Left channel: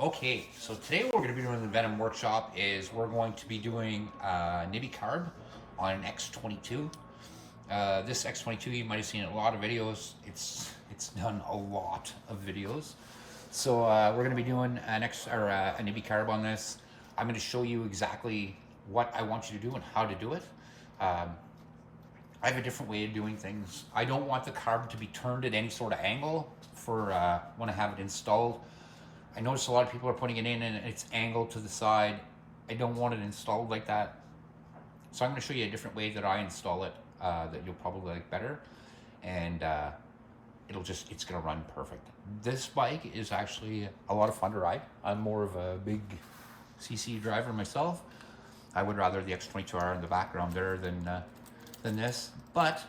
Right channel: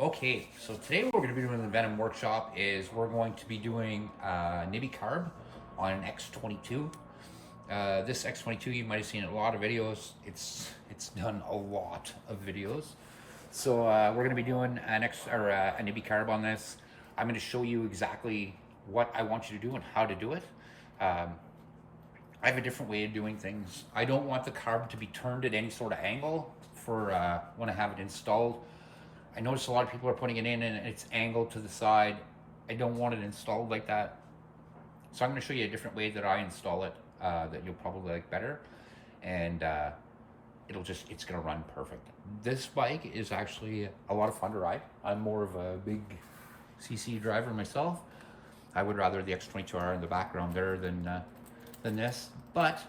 Okay, so today what we're going to be doing in the Venom workshop is we're going to be doing Nibbi Carb on an X22. This X22, you might have seen in a lot of videos. It's done a lot of videos. So we're going to be doing a Nibbi Carb on this. I'm going to show you exactly what I want you to do and how to do it. I have a different way of doing things. I don't want the carb to be turned at any sort of angle for when I have it installed. I notice a lot of people are putting it in and it's angled to the side. I don't want it installed like that. So I'm going to show you a different way that I install it that you'll probably like better. And it's going to run perfect. This bike is actually a lot of fun to ride. I'm more of a big CC driver myself. I would rather the X22R in the background there than this. But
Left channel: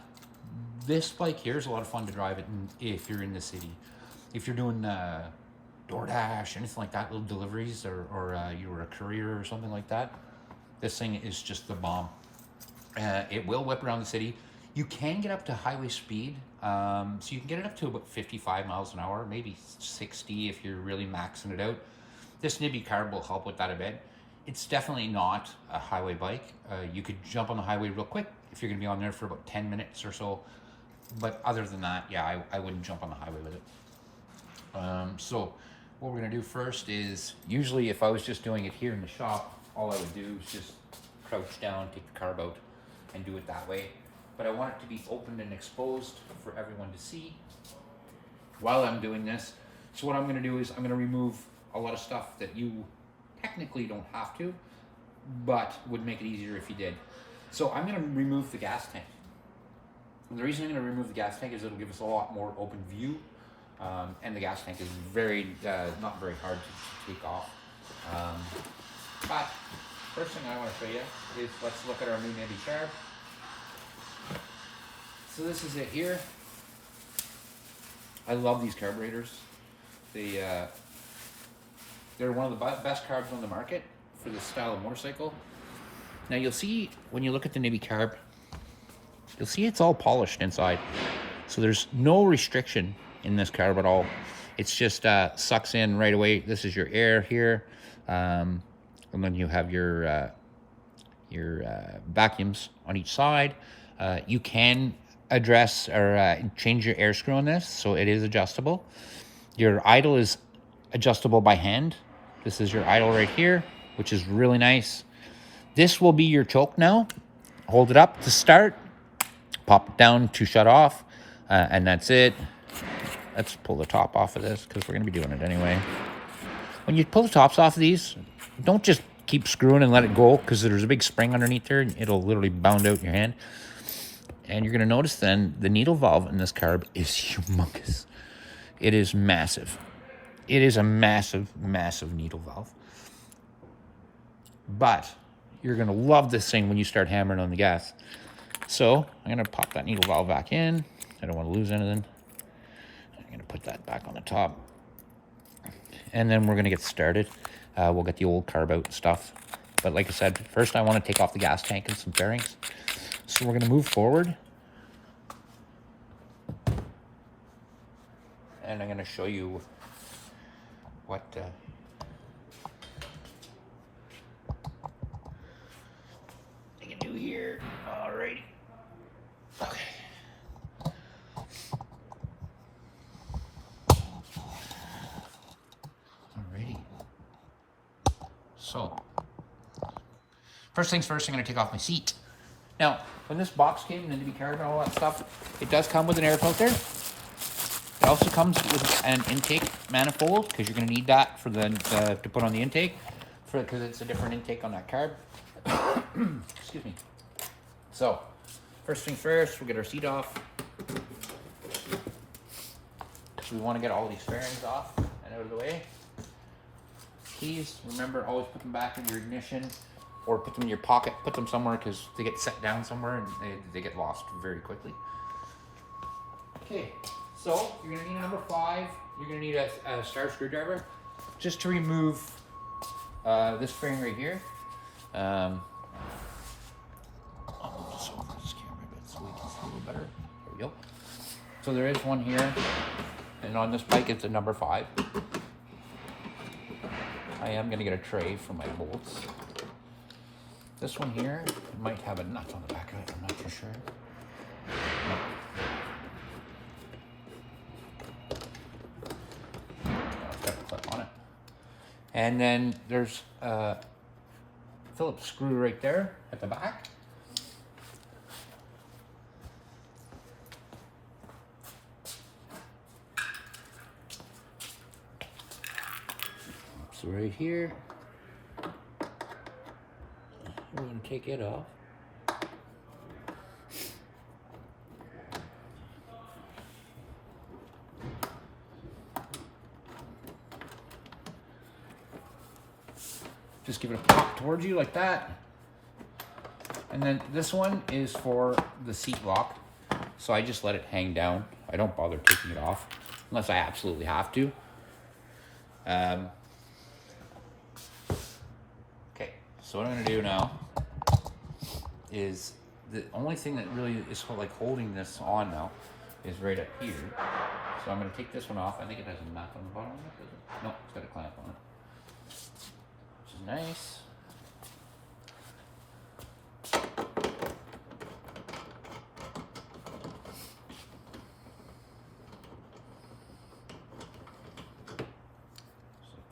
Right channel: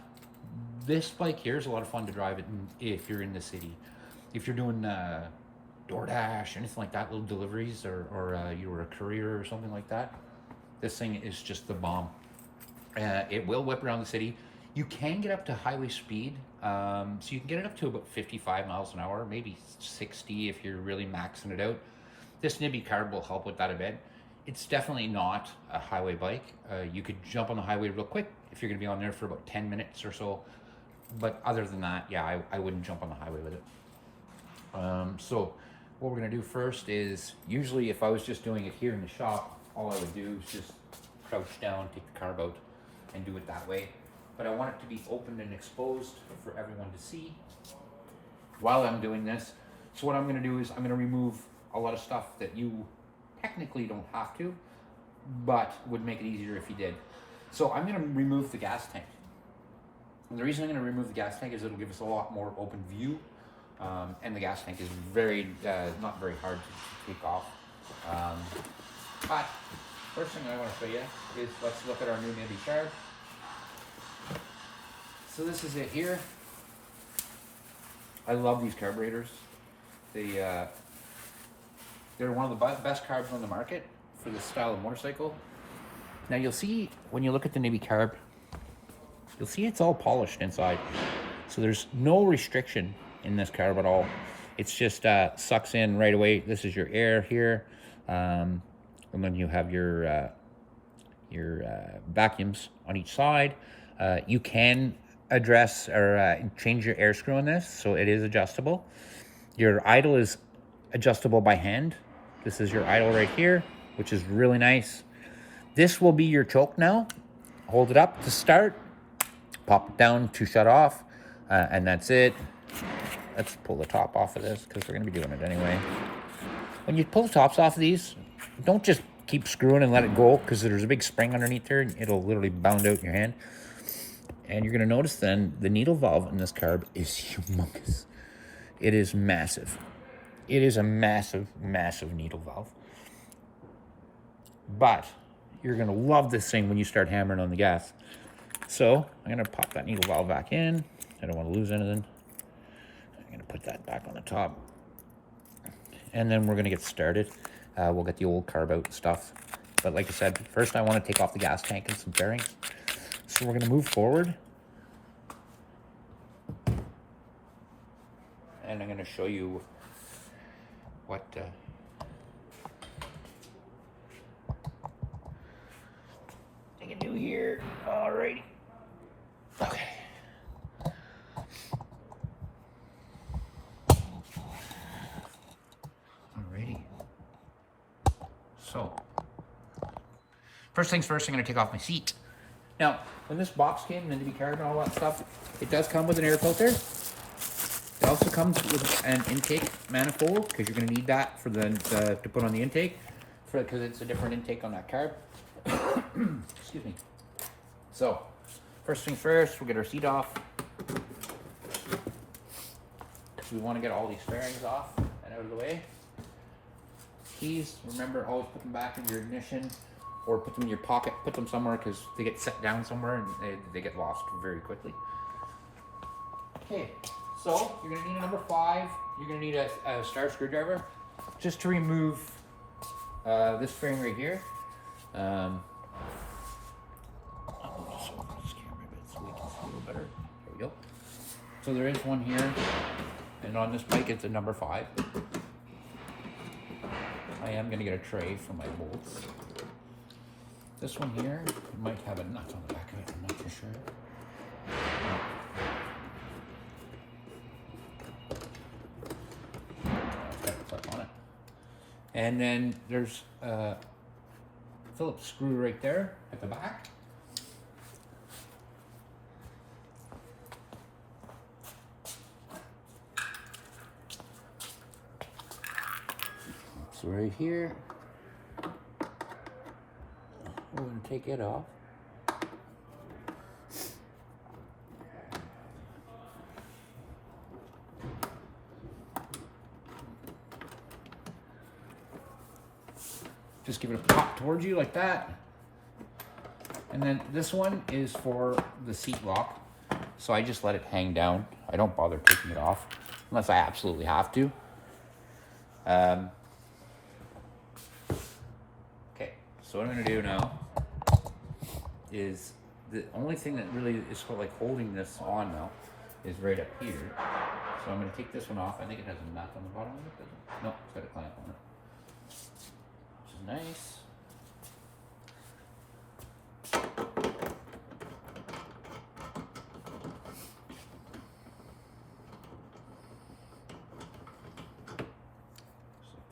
this bike here is a lot of fun to drive it if you're in the city. If you're doing DoorDash, anything like that, little deliveries, or you were a courier or something like that, this thing is just the bomb. It will whip around the city. You can get up to highway speed, so you can get it up to about 55 miles an hour, maybe 60 if you're really maxing it out. This Nibbi Carb will help with that a bit. It's definitely not a highway bike. You could jump on the highway real quick if you're going to be on there for about 10 minutes or so. But other than that, yeah, I wouldn't jump on the highway with it. So what we're going to do first is, usually if I was just doing it here in the shop, all I would do is just crouch down, take the carb out, and do it that way. But I want it to be open and exposed for everyone to see while I'm doing this. So what I'm going to do is I'm going to remove a lot of stuff that you technically don't have to, but would make it easier if you did. So I'm going to remove the gas tank. And the reason I'm going to remove the gas tank is it'll give us a lot more open view. And the gas tank is not very hard to take off. But first thing I want to show you is, let's look at our new Nibbi Carb. So this is it here. I love these carburetors. They're one of the best carbs on the market for this style of motorcycle. Now you'll see when you look at the Nibbi Carb, you'll see it's all polished inside. So there's no restriction in this carb at all. It's just sucks in right away. This is your air here, and then you have your vacuums on each side. You can address or change your air screw on this, so it is adjustable. Your idle is adjustable by hand. This is your idle right here, which is really nice. This will be your choke now. Hold it up to start, pop it down to shut off, and that's it. Let's pull the top off of this because we're going to be doing it anyway. When you pull the tops off of these, don't just keep screwing and let it go, because there's a big spring underneath there and it'll literally bound out your hand. And you're going to notice then the needle valve in this carb is humongous. It is massive. It is a massive, massive needle valve. But you're going to love this thing when you start hammering on the gas. So I'm going to pop that needle valve back in. I don't want to lose anything. I'm going to put that back on the top. And then we're going to get started. We'll get the old carb out and stuff. But like I said, first I want to take off the gas tank and some bearings. So we're going to move forward. And I'm going to show you what I can do here. Alrighty. Okay. So, first things first, I'm going to take off my seat. Now, when this box came, the Nibbi Carb and all that stuff, it does come with an air filter. It also comes with an intake manifold, because you're going to need that for to put on the intake, because it's a different intake on that carb. Excuse me. So, first things first, we'll get our seat off. So we want to get all these fairings off and out of the way. Keys, remember, always put them back in your ignition or put them in your pocket. Put them somewhere because they get set down somewhere and they get lost very quickly. Okay, so you're going to need a number 5. You're going to need a star screwdriver just to remove this fairing right here. There we go. So there is one here, and on this bike it's a number 5. I am gonna get a tray for my bolts. This one here might have a nut on the back of it, I'm not for sure. Got a clip on it. And then there's a Phillips screw right there at the back. So right here, we're going to take it off. Just give it a pop towards you like that. And then this one is for the seat lock. So I just let it hang down. I don't bother taking it off unless I absolutely have to. Okay, so what I'm gonna do now is the only thing that really is like holding this on now is right up here. So I'm gonna take this one off. I think it has a nut on the bottom of it, doesn't it? No, it's got a clamp on it. Which is nice.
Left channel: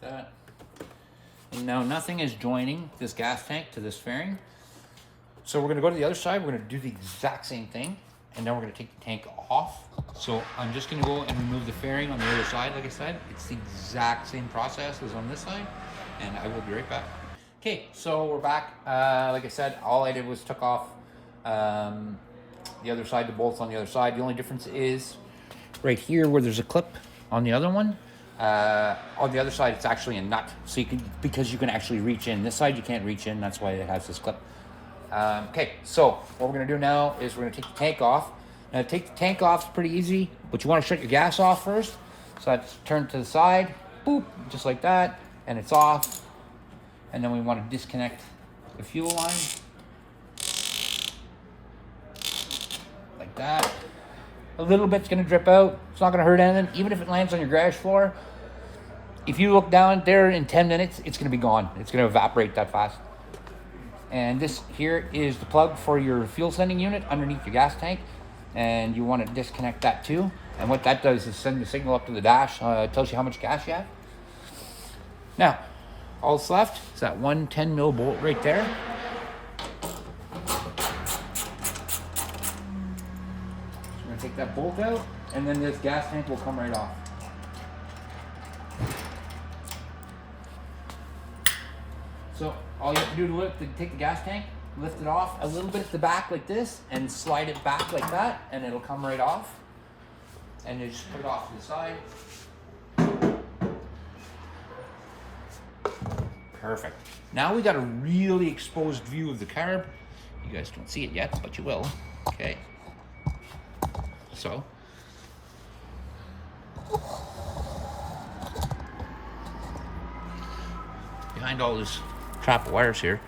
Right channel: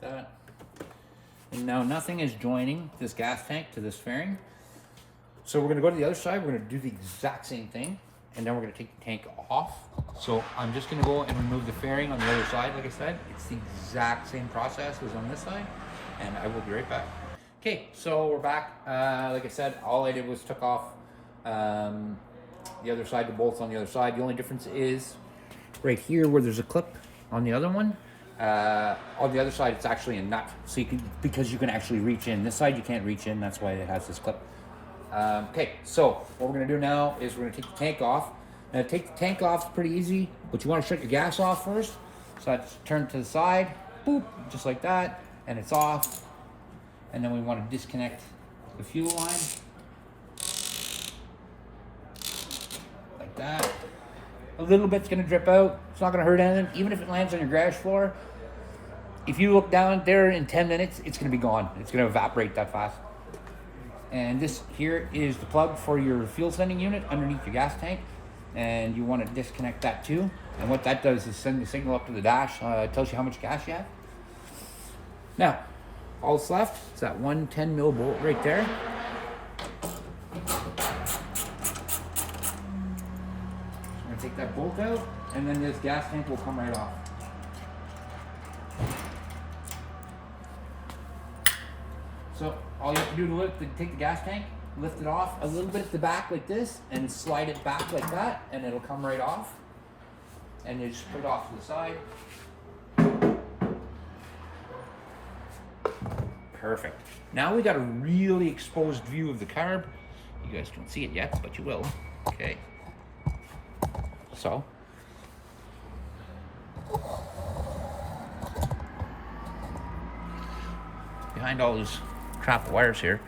That. And now nothing is joining this gas tank to this fairing. So we're gonna go to the other side, we're gonna do the exact same thing, and then we're gonna take the tank off. So I'm just gonna go and remove the fairing on the other side, like I said. It's the exact same process as on this side, and I will be right back. Okay, so we're back. Like I said, all I did was took off the other side, the bolts on the other side. The only difference is right here where there's a clip on the other one. On the other side, it's actually a nut, so you can, because you can actually reach in. This side you can't reach in, that's why it has this clip. Okay, so what we're gonna do now is we're gonna take the tank off. Now to take the tank off is pretty easy, but you wanna shut your gas off first. So that's turned to the side, boop, just like that, and it's off. And then we wanna disconnect the fuel line. Like that. A little bit's gonna drip out. It's not gonna hurt anything. Even if it lands on your garage floor, if you look down there in 10 minutes, it's gonna be gone. It's gonna evaporate that fast. And this here is the plug for your fuel sending unit underneath your gas tank. And you wanna disconnect that too. And what that does is send the signal up to the dash. It tells you how much gas you have. Now, all that's left is that one 10 mil bolt right there. Take that bolt out, and then this gas tank will come right off. So all you have to do to take the gas tank, lift it off a little bit at the back like this, and slide it back like that, and it'll come right off. And you just put it off to the side. Perfect. Now we got a really exposed view of the carb. You guys don't see it yet, but you will. Okay. So, behind all this crap of wires here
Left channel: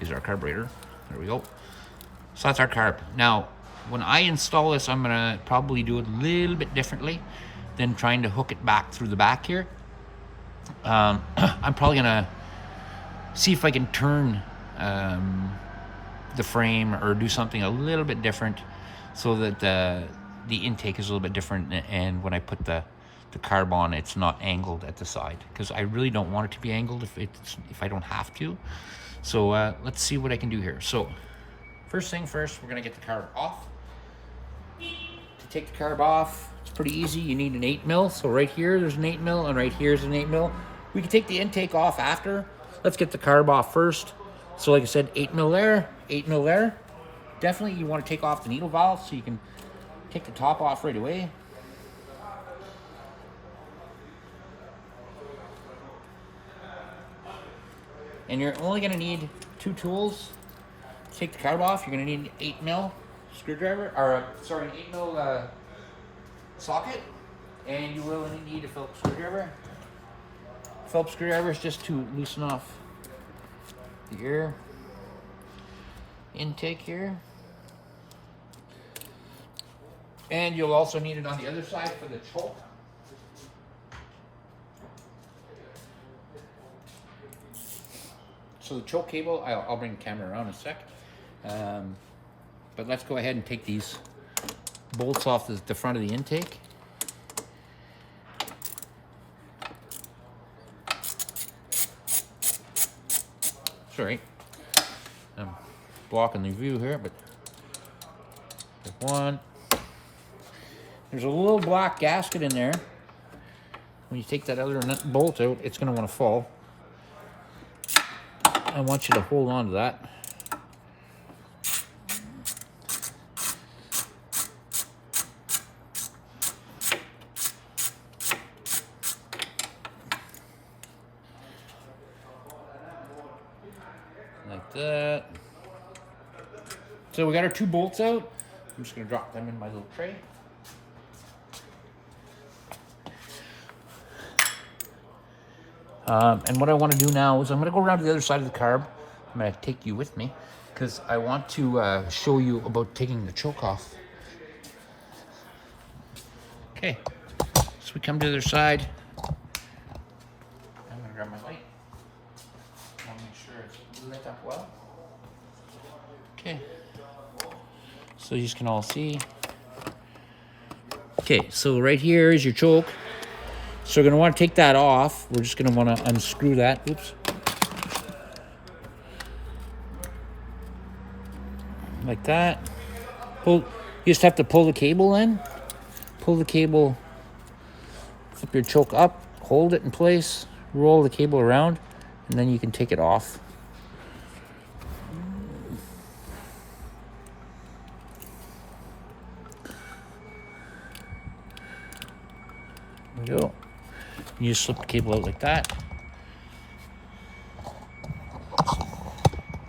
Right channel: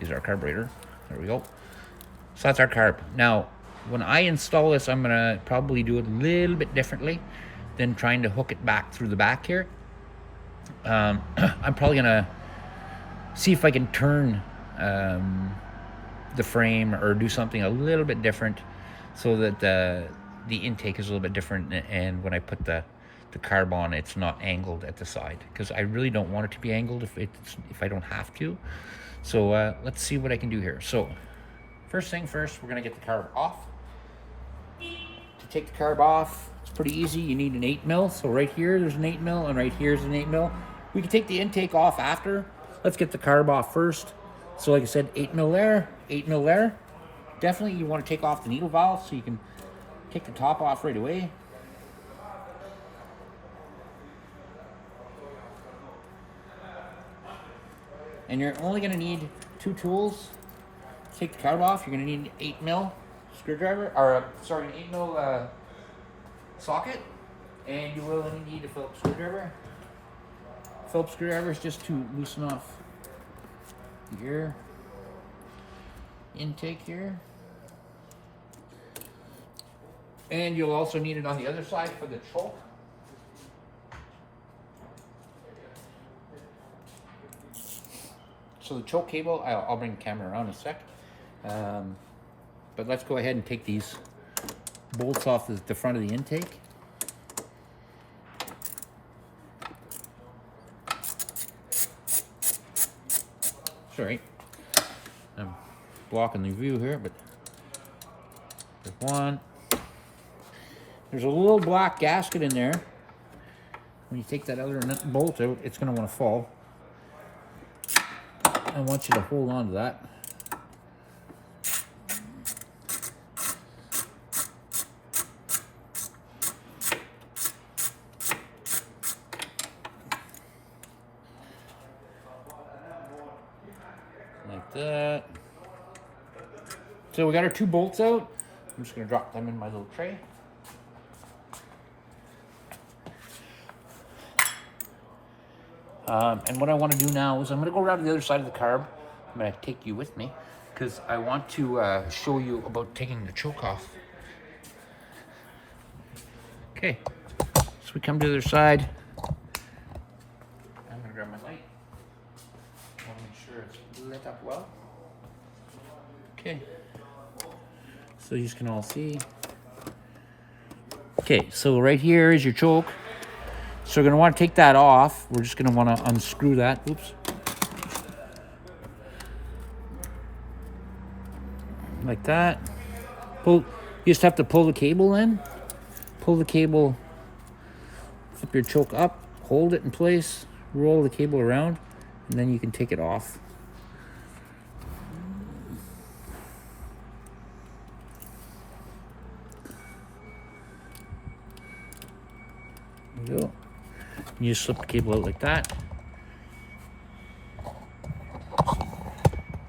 is our carburetor. There we go. So that's our carb. Now, when I install this, I'm gonna probably do it a little bit differently than trying to hook it back through the back here. I'm probably gonna see if I can turn the frame or do something a little bit different so that the intake is a little bit different, and when I put the carb on, it's not angled at the side, because I really don't want it to be angled if I don't have to. So let's see what I can do here. So first thing first, we're gonna get the carb off. To take the carb off, it's pretty easy. You need an 8 mil. So right here there's an 8 mil, and right here's an 8 mil. We can take the intake off after. Let's get the carb off first. So like I said, 8 mil there, 8 mil there. Definitely you want to take off the needle valve so you can take the top off right away. And you're only going to need 2 tools to take the carb off. You're going to need an 8 mil screwdriver, or sorry, an 8 mil socket, and you will need a Phillips screwdriver. Phillips screwdriver is just to loosen off the air intake here. And you'll also need it on the other side for the choke. So the choke cable, I'll bring the camera around in a sec. But let's go ahead and take these bolts off the front of the intake. Sorry, I'm blocking the view here, but there's one. There's a little black gasket in there. When you take that other bolt out, it's going to want to fall. I want you to hold on to that. Like that. So we got our 2 bolts out. I'm just going to drop them in my little tray. And what I want to do now is I'm going to go around to the other side of the carb. I'm going to take you with me because I want to show you about taking the choke off. Okay, so we come to the other side. I'm going to grab my light. I'll make sure it's lit up well. Okay, so you can all see. Okay, so right here is your choke. So we're going to want to take that off. We're just going to want to unscrew that. Oops. Like that. Pull. You just have to pull the cable in. Pull the cable, flip your choke up, hold it in place, roll the cable around, and then you can take it off. There we go. You just slip the cable out like that.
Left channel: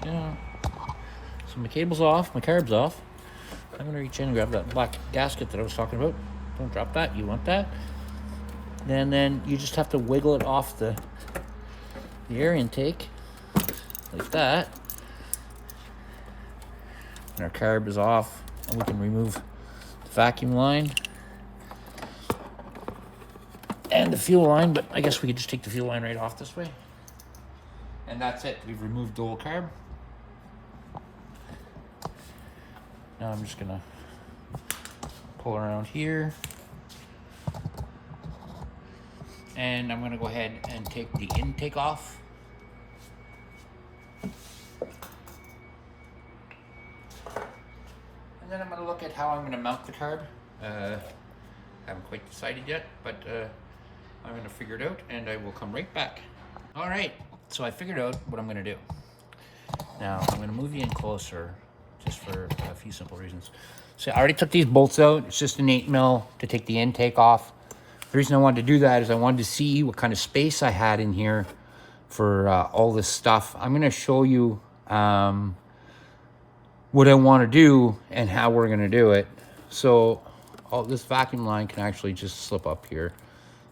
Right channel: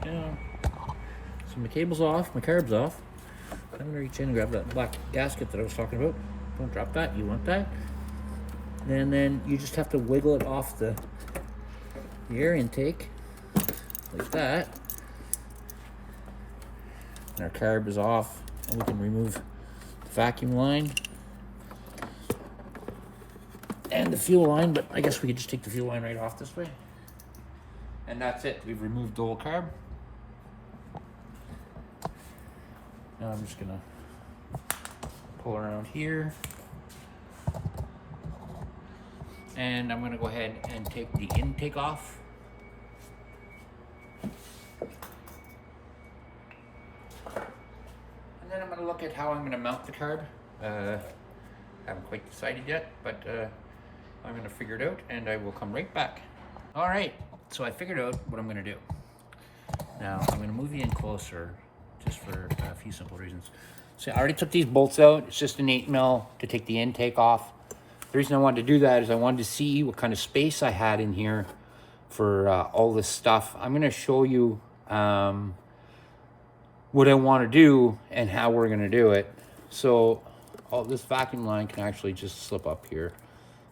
Yeah. So my cable's off, my carb's off. I'm gonna reach in and grab that black gasket that I was talking about. Don't drop that, you want that. And then you just have to wiggle it off the air intake, like that. And our carb is off, and we can remove the vacuum line and the fuel line, but I guess we could just take the fuel line right off this way. And that's it, we've removed the whole carb. Now I'm just gonna pull around here. And I'm gonna go ahead and take the intake off. And then I'm gonna look at how I'm gonna mount the carb. Haven't quite decided yet, but I'm gonna figure it out and I will come right back. All right, so I figured out what I'm gonna do. Now I'm gonna move you in closer just for a few simple reasons. So I already took these bolts out. It's just an 8mm to take the intake off. The reason I wanted to do that is I wanted to see what kind of space I had in here for all this stuff. I'm gonna show you what I wanna do and how we're gonna do it. So this vacuum line can actually just slip up here.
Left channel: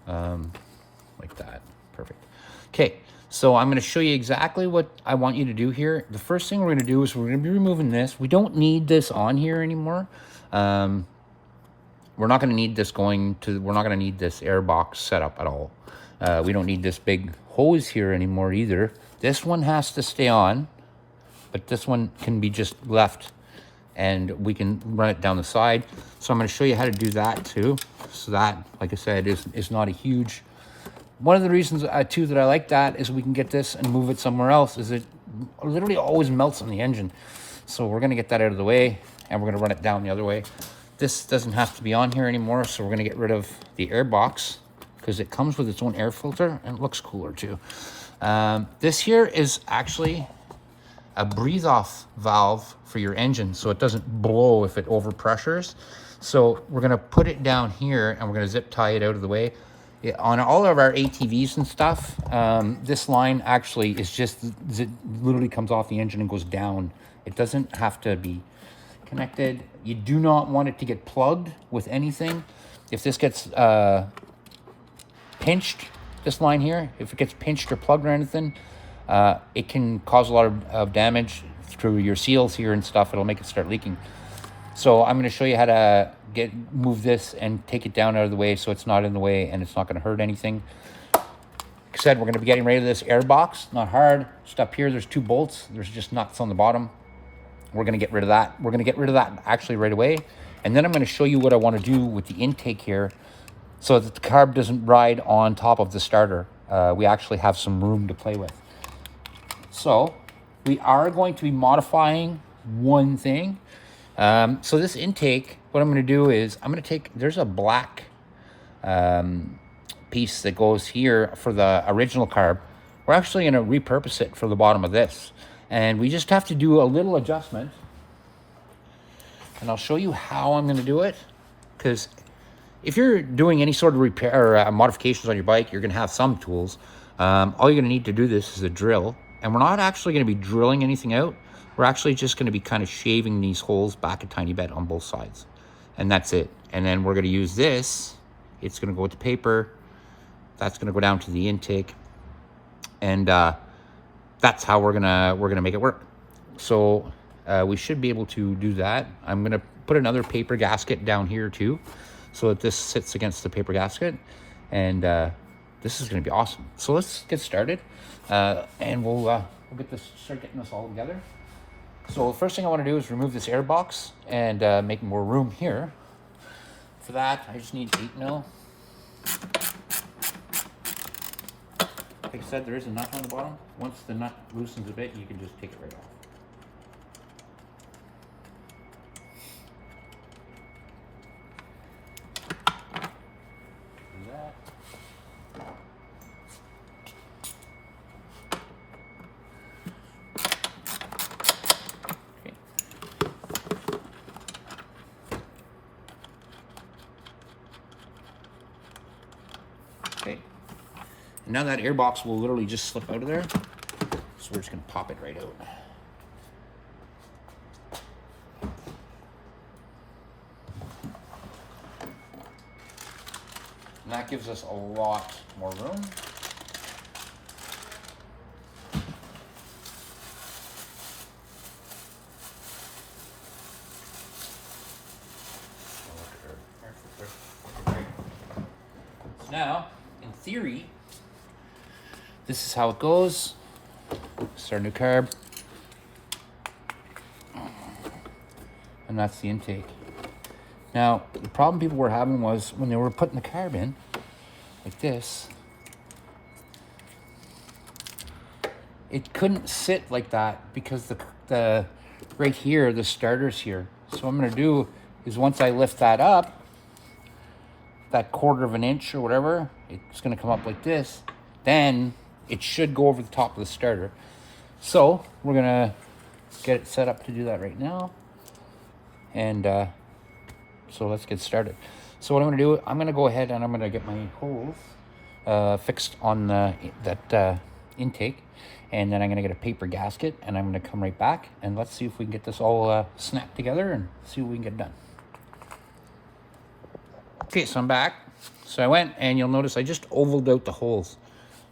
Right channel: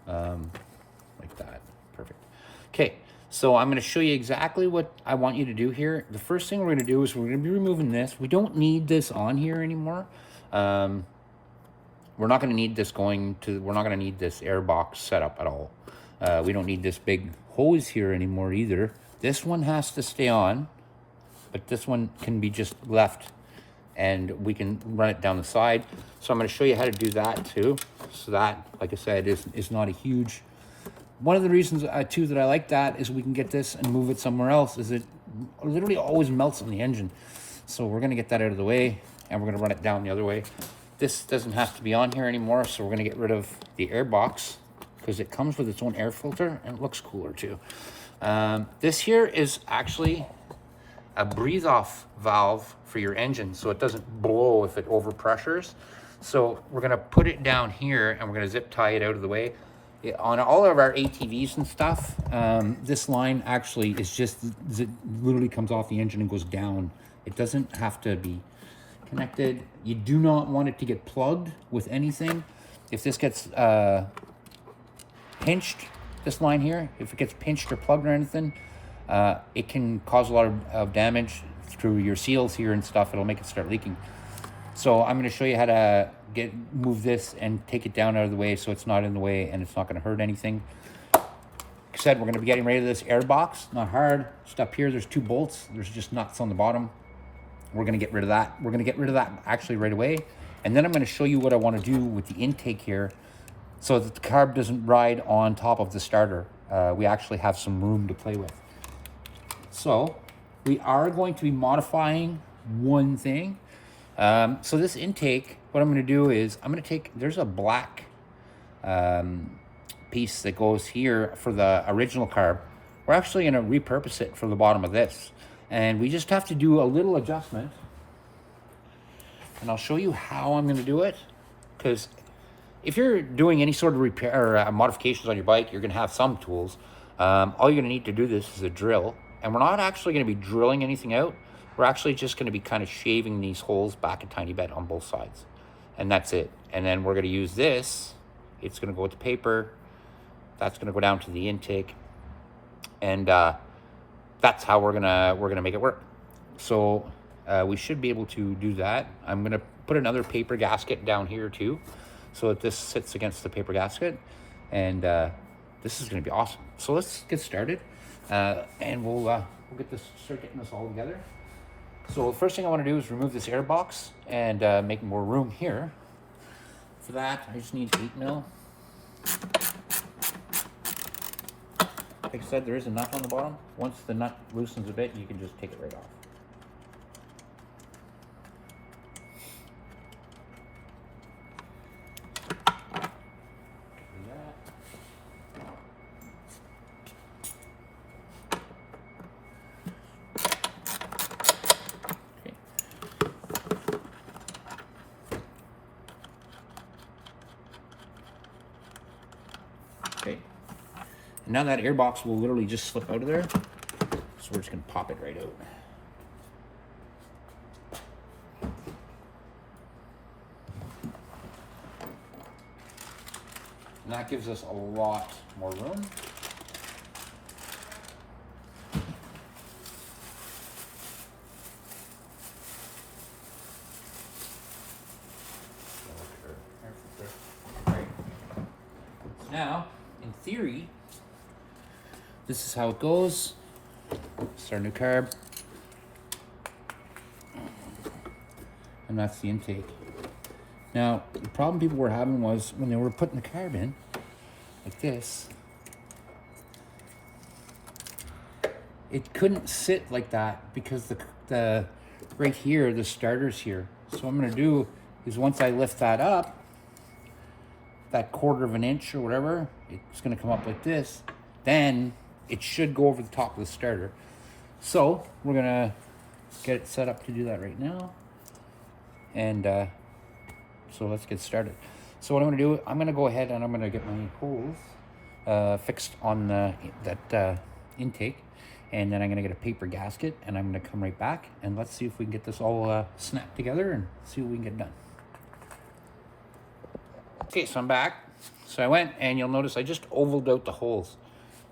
Like that, perfect. Okay, so I'm gonna show you exactly what I want you to do here. The first thing we're gonna do is we're gonna be removing this. We don't need this on here anymore. We're not gonna need this we're not gonna need this air box setup at all. We don't need this big hose here anymore either. This one has to stay on, but this one can be just left and we can run it down the side. So I'm gonna show you how to do that too. So that, like I said, is not a huge, one of the reasons too that I like that is we can get this and move it somewhere else, is it literally always melts on the engine. So we're gonna get that out of the way and we're gonna run it down the other way. This doesn't have to be on here anymore, so we're gonna get rid of the air box because it comes with its own air filter and it looks cooler too. This here is actually a breathe off valve for your engine so it doesn't blow if it overpressures. So we're gonna put it down here and we're gonna zip tie it out of the way. Yeah, on all of our ATVs and stuff, this line actually is just, it literally comes off the engine and goes down. It doesn't have to be connected. You do not want it to get plugged with anything. If this gets pinched, this line here, if it gets pinched or plugged or anything, it can cause a lot of damage through your seals here and stuff. It'll make it start leaking. So I'm going to show you how to move this and take it down out of the way so it's not in the way and it's not going to hurt anything. said, we're going to be getting rid of this air box. Not hard. Just up here, there's 2 bolts. There's just nuts on the bottom. We're going to get rid of that. We're going to get rid of that actually right away. And then I'm going to show you what I want to do with the intake here so that the carb doesn't ride on top of the starter. We actually have some room to play with. So we are going to be modifying one thing. So this intake, what I'm going to do is I'm going to take, there's a black piece that goes here for the original carb. We're actually going to repurpose it for the bottom of this. And we just have to do a little adjustment. And I'll show you how I'm going to do it. Because if you're doing any sort of repair or modifications on your bike, you're going to have some tools. All you're going to need to do this is a drill. And we're not actually going to be drilling anything out. We're actually just going to be kind of shaving these holes back a tiny bit on both sides. And that's it. And then we're going to use this. It's going to go with the paper. That's going to go down to the intake. And that's how we're gonna make it work. So we should be able to do that. I'm gonna put another paper gasket down here too, so that this sits against the paper gasket. And this is gonna be awesome. So let's get started, and we'll start getting this all together. So the first thing I want to do is remove this air box and make more room here. For that, I just need 8mm. Like I said, there is a nut on the bottom. Once the nut loosens a bit, you can just take it right off. Do that. Okay. Okay. And now that air box will literally just slip out of there. So we're just gonna pop it right out. And that gives us a lot more room. Now, in theory, this is how it goes. This is our new carb. And that's the intake. Now, the problem people were having was when they were putting the carb in, like this, it couldn't sit like that because the right here, the starter's here. So what I'm gonna do is once I lift that up, that 1/4 of an inch or whatever, it's gonna come up like this, then it should go over the top of the starter. So we're gonna get it set up to do that right now. And so let's get started. So what I'm gonna do, I'm gonna go ahead and I'm gonna get my holes fixed on that intake. And then I'm gonna get a paper gasket and I'm gonna come right back and let's see if we can get this all snapped together and see what we can get done. Okay, so I'm back. So I went and you'll notice I just ovaled out the holes.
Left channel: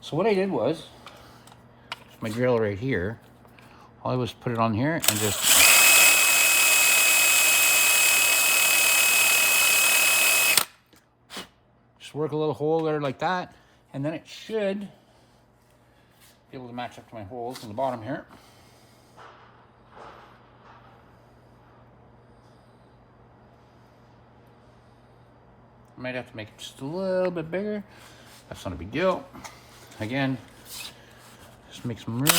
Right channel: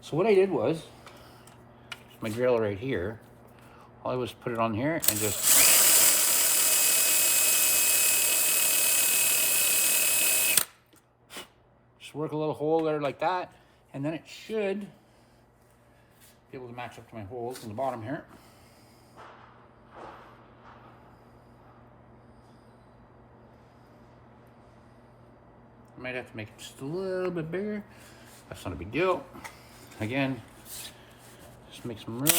So what I did was, my drill right here, all I was put it on here and just work a little hole there like that, and then it should be able to match up to my holes on the bottom here. I might have to make it just a little bit bigger. That's not a big deal. Again, just make some room.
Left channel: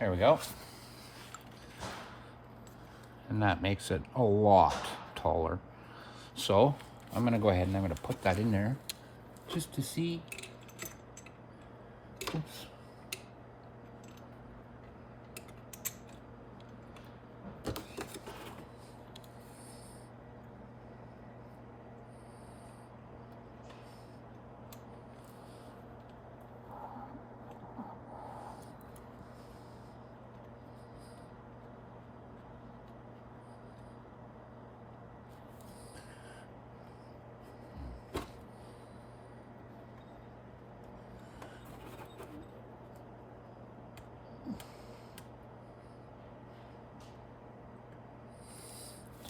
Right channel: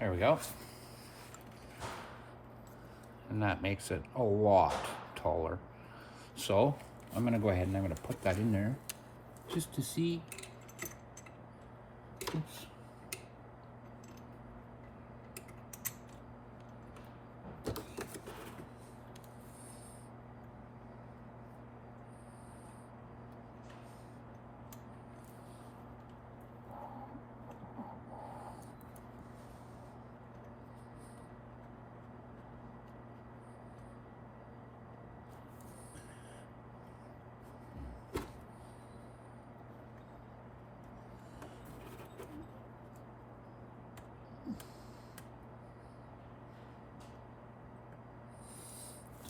There we go. And that makes it a lot taller. So I'm gonna go ahead and I'm gonna put that in there just to see. Oops.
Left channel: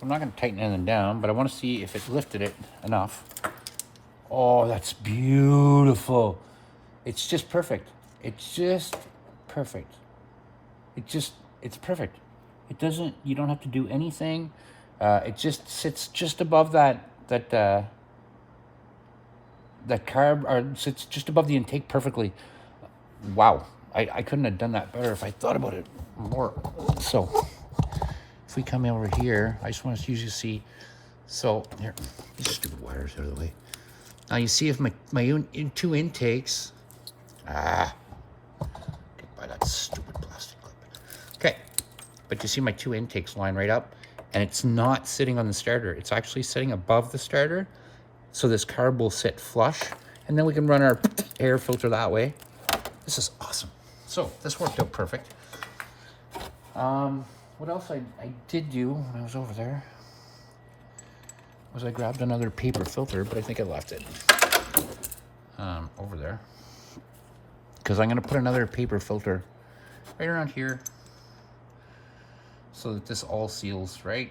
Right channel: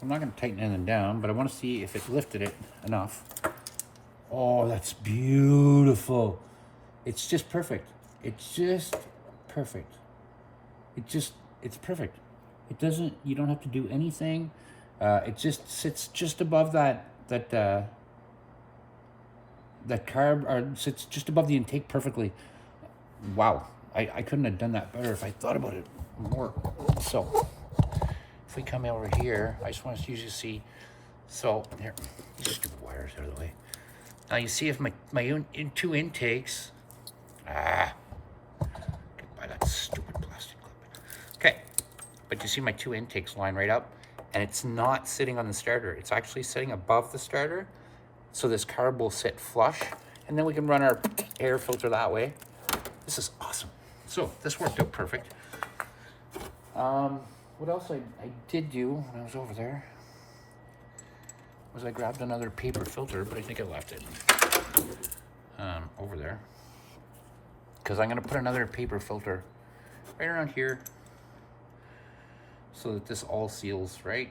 I'm not going to tighten anything down, but I want to see if it lifted it enough. Oh, that's beautiful. It's just perfect. It's just perfect. It's perfect. It doesn't, you don't have to do anything. It just sits just above that carb, or sits just above the intake perfectly. Wow. I couldn't have done that better if I thought about it more. So if we come over here, I just want you to see. So here, these stupid wires out of the way. Now you see if my two intakes. Get by that stupid plastic clip. Okay, but you see my two intakes line right up, and it's not sitting on the starter. It's actually sitting above the starter, so this carb will sit flush, and then we can run our air filter that way. This is awesome. So this worked out perfect. What else I did do when I was over there was I grabbed another paper filter, but I think I left it over there, because I'm going to put another paper filter right around here so that this all seals right.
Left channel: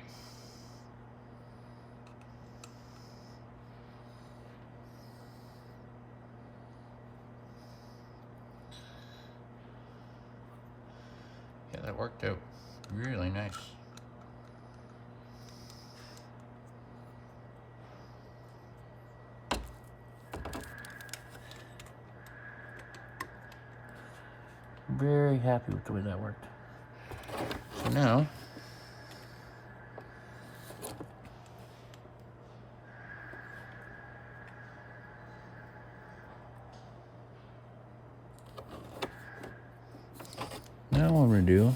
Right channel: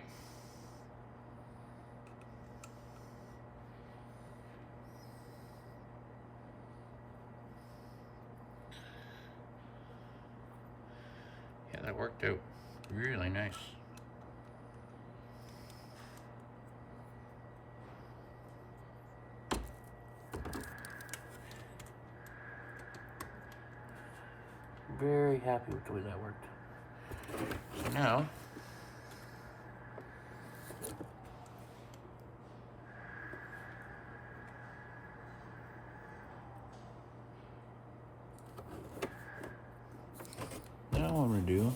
Yeah, that worked out really nice. Very happy with the way that worked. So now, what we're gonna do,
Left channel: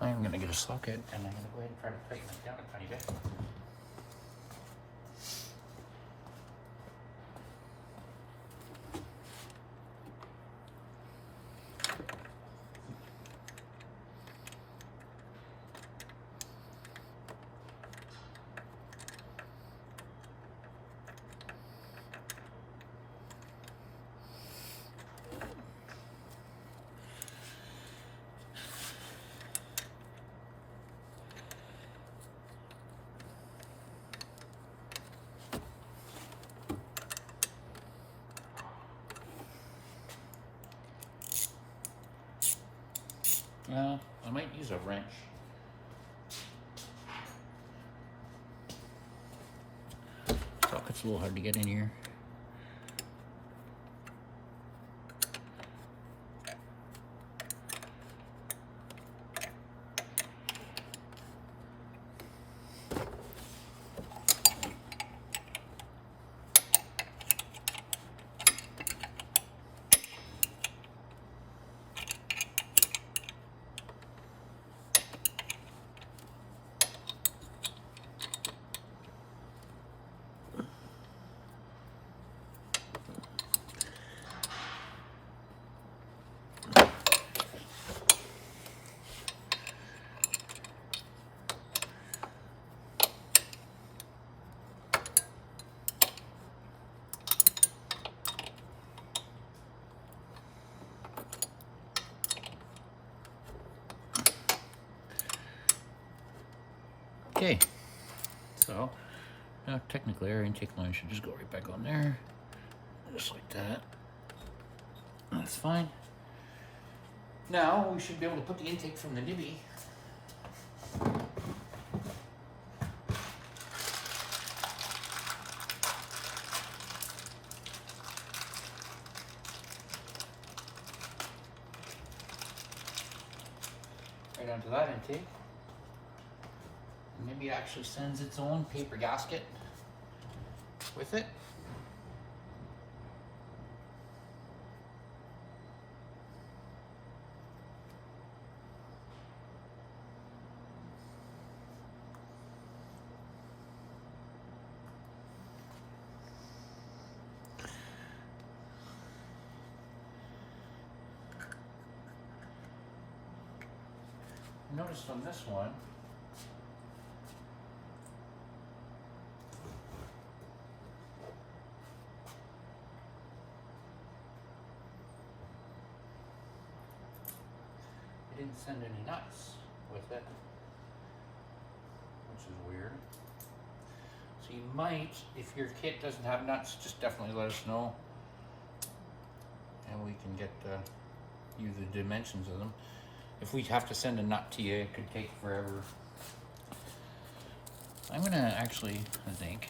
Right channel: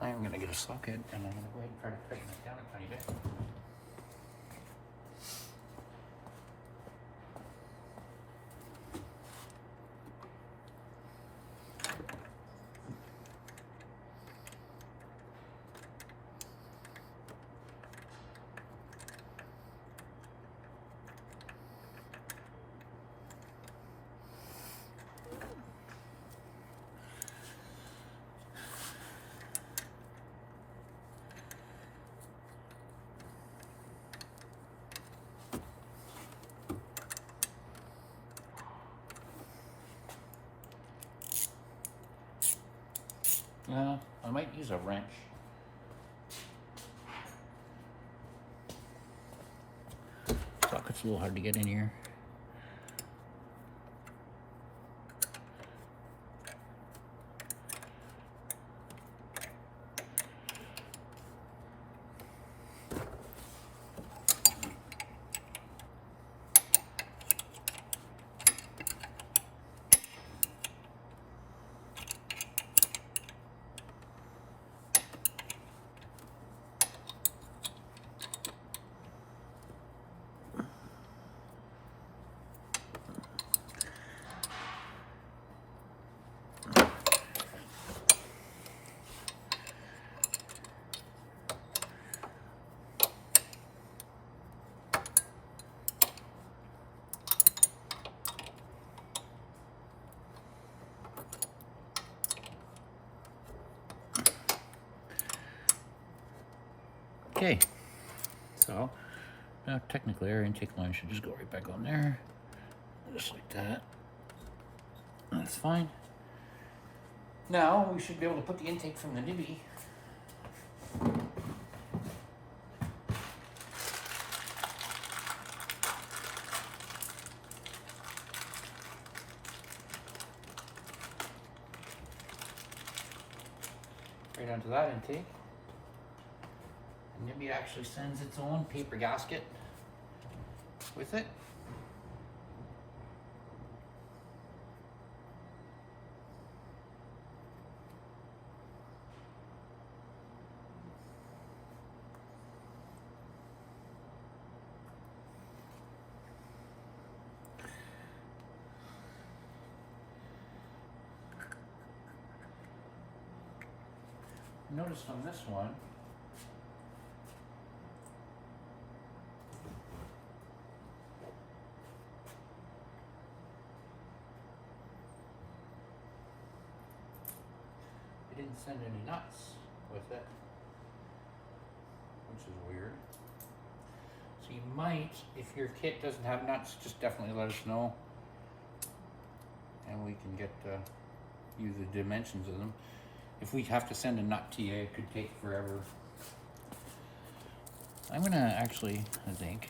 I'm gonna get a socket and I'm gonna go ahead and try to tighten it down a tiny bit. I might use a wrench. Socket's a little hard to get in here. Okay, so now technically our intake line should just go right back on there, just like that. That's fine. Now we should be able to put the intake from the Nibbi onto that intake. Nibbi actually sends its own paper gasket with it. Noticed on this one, it didn't send any nuts with it, which is weird. So you might, if your kit doesn't have nuts, just definitely let us know, and we can get you the dimensions of them. If we have to send a nut to you, it could take forever. I'm gonna actually, I think,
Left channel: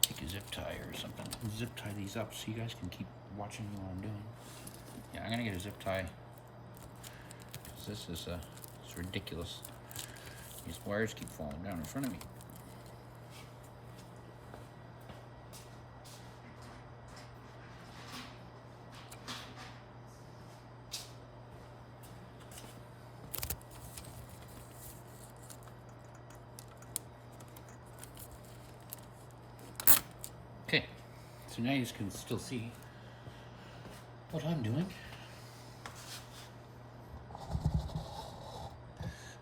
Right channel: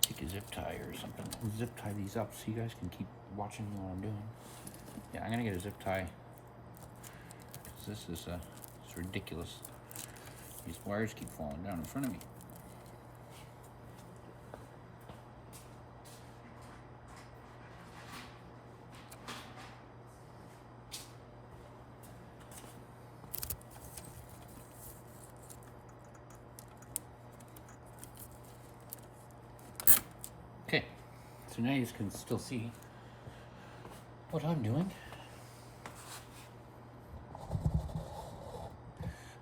take a zip tie or something and zip tie these up so you guys can keep watching what I'm doing. Yeah, I'm gonna get a zip tie because this is it's ridiculous. These wires keep falling down in front of me. Okay, so now you can still see what I'm doing.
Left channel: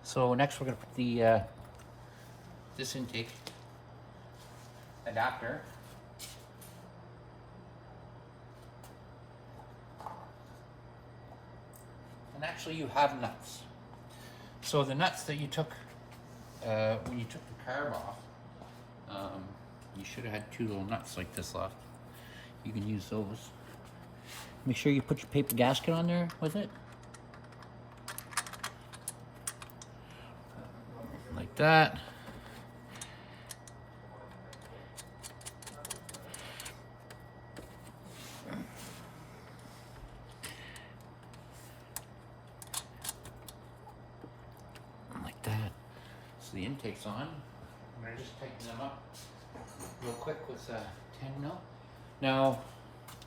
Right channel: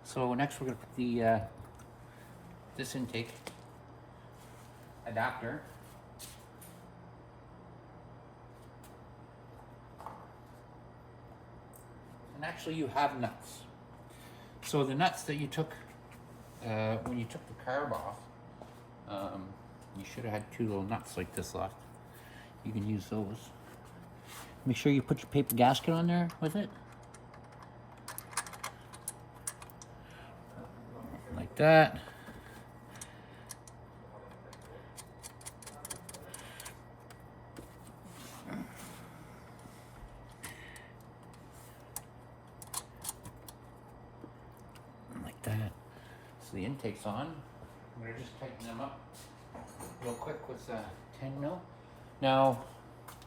So next we're going to put the this intake adapter and actually you have nuts. So the nuts that you took when you took the carb off, you should have had 2 little nuts like this left. You can use those. Make sure you put your paper gasket on there with it. Like that. Like that. So the intake's on. I'm going to just tighten them up real quick with 10 mil. Now,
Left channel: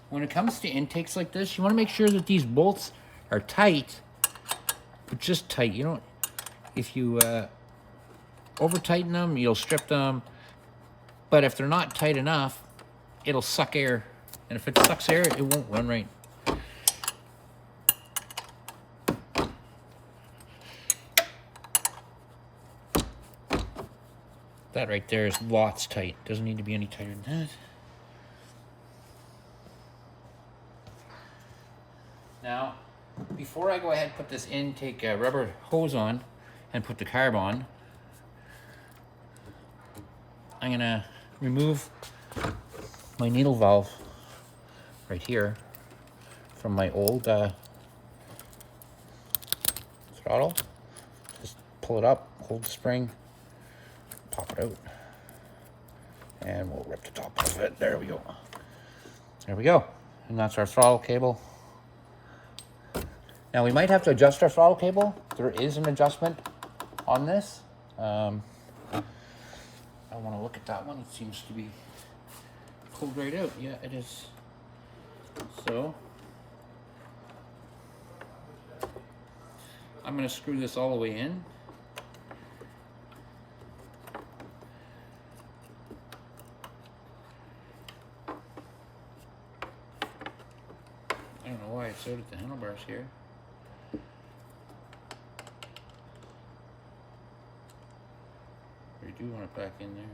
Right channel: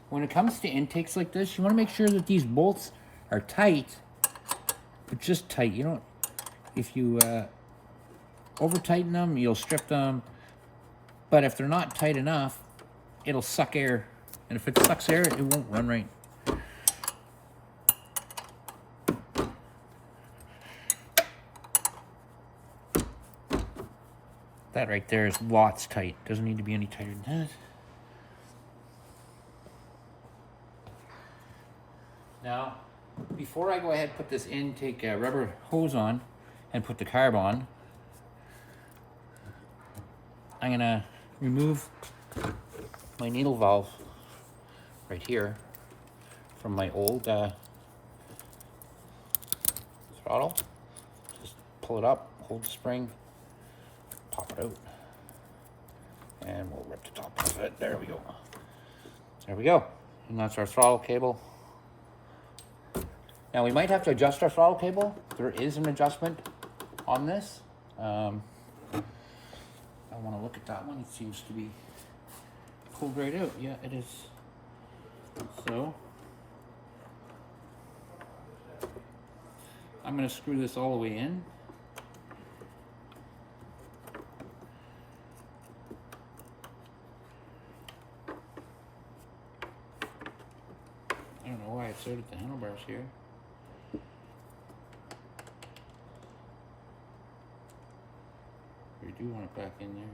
when it comes to intakes like this, you want to make sure that these bolts are tight, but just tight. You don't, if you over tighten them, you'll strip them. But if they're not tight enough, it'll suck air. And if it sucks air, it won't run right. That right there is lots tight. Doesn't need to be any tighter than that. Now, before I go ahead and put this intake rubber hose on and put the carb on, I'm gonna remove my needle valve right here from my old throttle. Just pull it up, hold the spring, pop it out, and we'll rip the top of it. There we go. There we go. And that's our throttle cable. Now we might have to adjust our throttle cable. There is an adjustment on this. I want to look at that one. It seems to be pulled right out. Yeah, it is. So I'm going to screw this all the way in. I don't know why it's out at the handlebars here. I do want it back in there.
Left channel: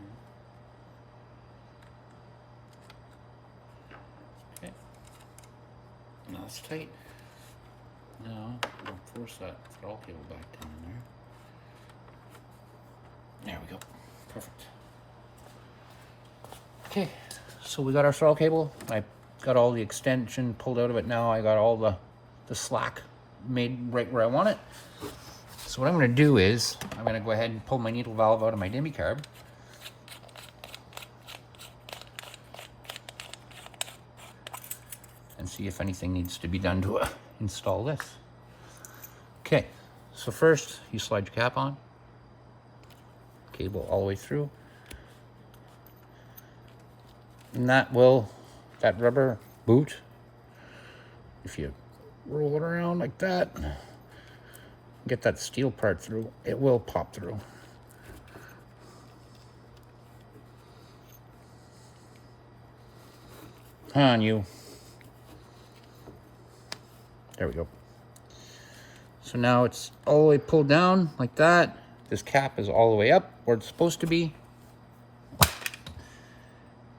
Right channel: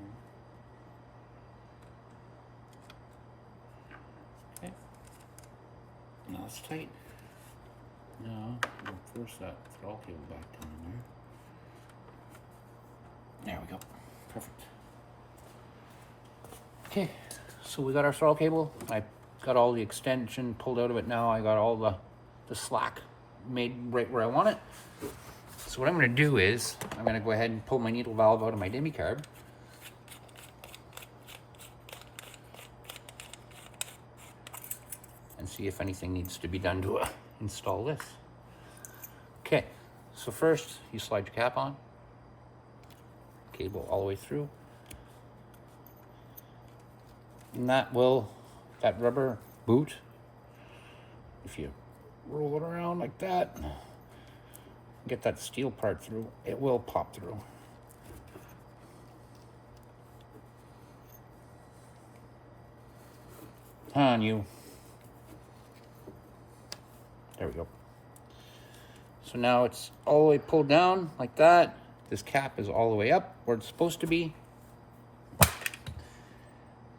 Okay. Now it's tight. Now we'll force that throttle cable back down in there. There we go. Perfect. Okay, so we got our throttle cable. I got all the extension pulled out of it now. I got all the slack made right where I want it. So what I'm going to do is, I'm going to go ahead and pull my needle valve out of my Nibbi carb. And see if anything needs to be done to install this. Okay, So first, you slide your cap on, cable all the way through, and that rubber boot, if you roll it around like that, get that steel part through, it will pop through. On you. There we go. So now it's all the way pulled down like that. This cap is all the way up where it's supposed to be.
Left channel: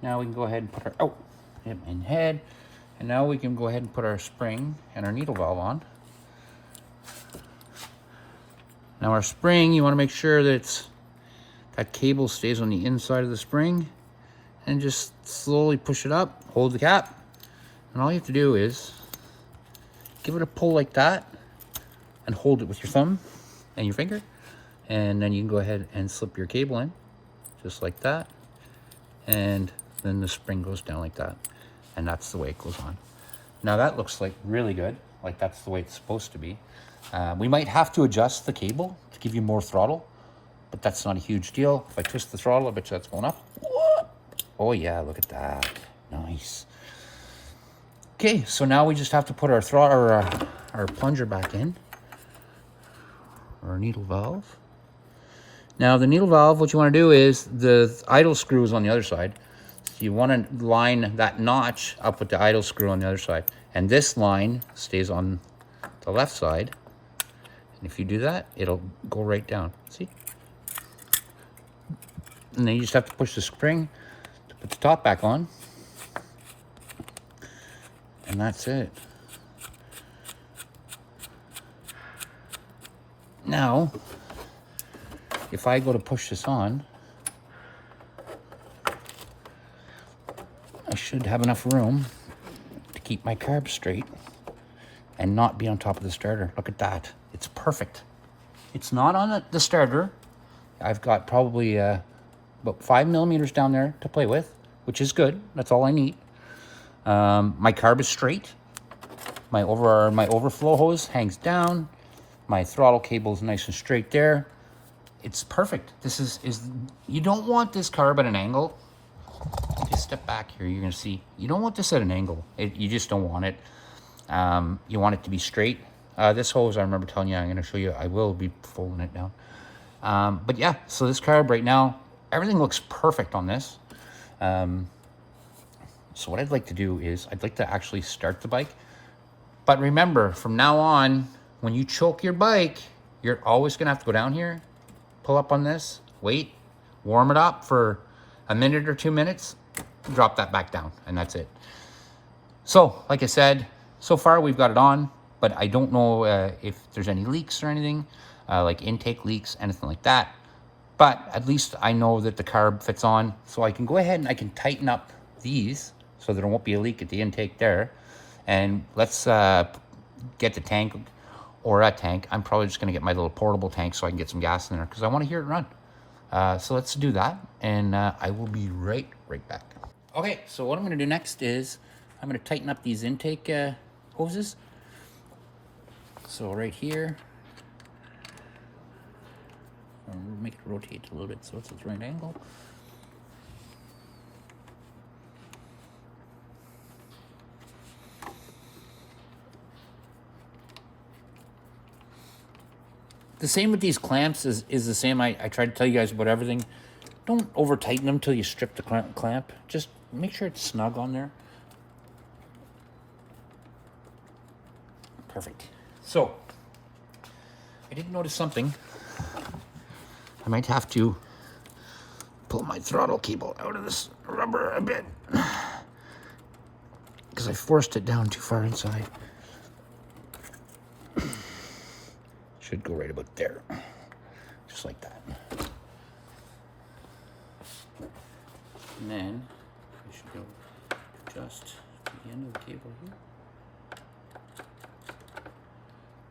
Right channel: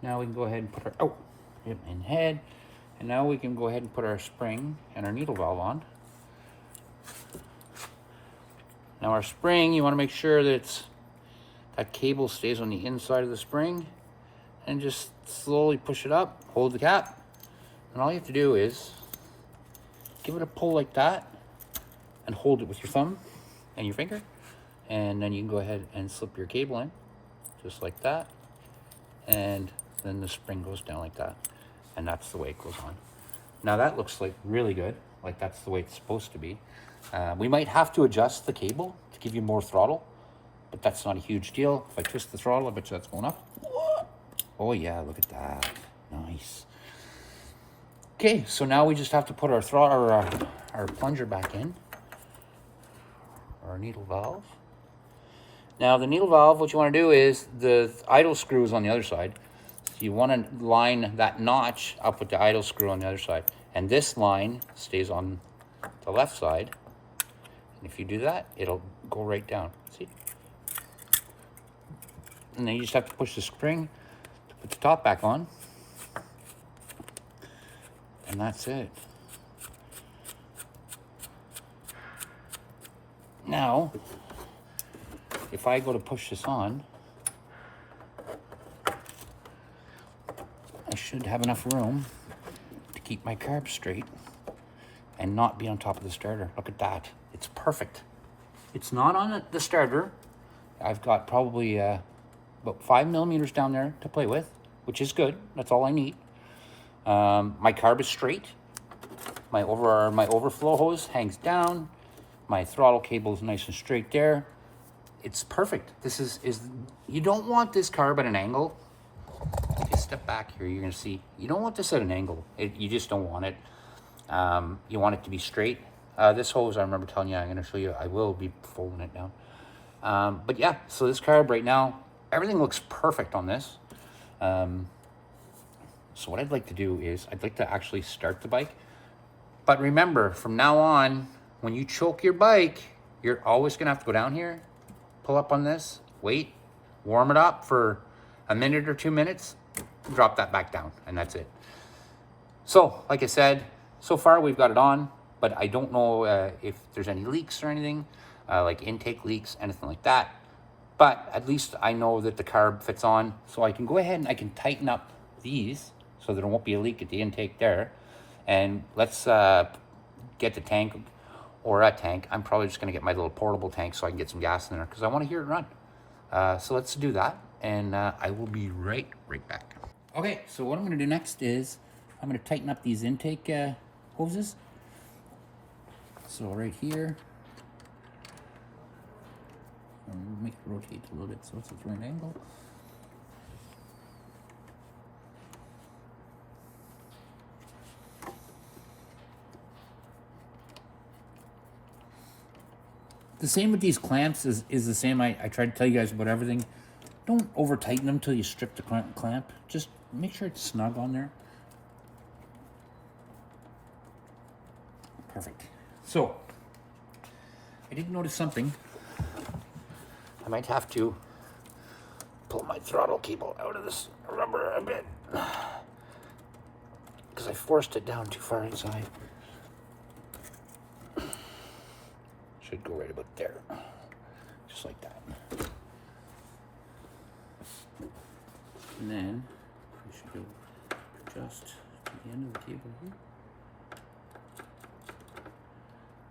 Now we can go ahead and put our hip and head. And now we can go ahead and put our spring and our needle valve on. Now our spring, you want to make sure that that cable stays on the inside of the spring, and just slowly push it up, hold the cap, and all you have to do is give it a pull like that and hold it with your thumb and your finger, and then you can go ahead and slip your cable in just like that, and then the spring goes down like that, and that's the way it goes on. Now that looks like really good, like that's the way it's supposed to be. We might have to adjust the cable to give you more throttle, but that's not a huge deal. If I twist the throttle, I bet you that's going up. Oh yeah, look at that, nice. Okay, so now we just have to put our throttle, our plunger back in, our needle valve. Now the needle valve, what you want to do is the idle screw is on the other side. So you want to line that notch up with the idle screw on the other side, and this line stays on the left side. And if you do that, it'll go right down. See? And then you just have to push the spring to put the top back on. And that's it. Now, if I go to push this on, I should have enough room to keep my carb straight and not be on top of the starter. Look at that. It's perfect. It's not on the starter. I've got probably about 5 millimeters down there to play with, which is good. That's all I need. My carb is straight. My overflow hose hangs down. My throttle cable is nice and straight there. It's perfect. This is you don't want this carb at an angle. If you step back here, you're gonna see you don't want this at an angle. You just don't want it. You want it to be straight. This hose, I remember telling you, I'm gonna show you. I will be folding it down. But yeah, so this carb right now, everything looks perfect on this. So what I'd like to do is I'd like to actually start the bike. But remember, from now on, when you choke your bike, you're always gonna have to go down here, pull up on this, wait, warm it up for a minute or 2 minutes, drop that back down, and that's it. So, like I said, so far we've got it on, but I don't know if there's any leaks or anything, like intake leaks, anything like that. But at least I know that the carb fits on, so I can go ahead and I can tighten up these so there won't be a leak at the intake there. And let's get the tank, or a tank. I'm probably just gonna get my little portable tank so I can get some gas in there because I wanna hear it run. So let's do that, and I will be right back. Okay, so what I'm gonna do next is I'm gonna tighten up these intake hoses. So right here, I'll make it rotate a little bit so it's at the right angle. The same with these clamps is the same. I tried to tell you guys about everything. Don't over tighten them till you strip the clamp. Just make sure it's snug on there. Perfect. So, I did notice something. I might have to pull my throttle cable out of this rubber a bit because I forced it down too far inside. Should go right about there, just like that. And then I should go just to the end of the cable here.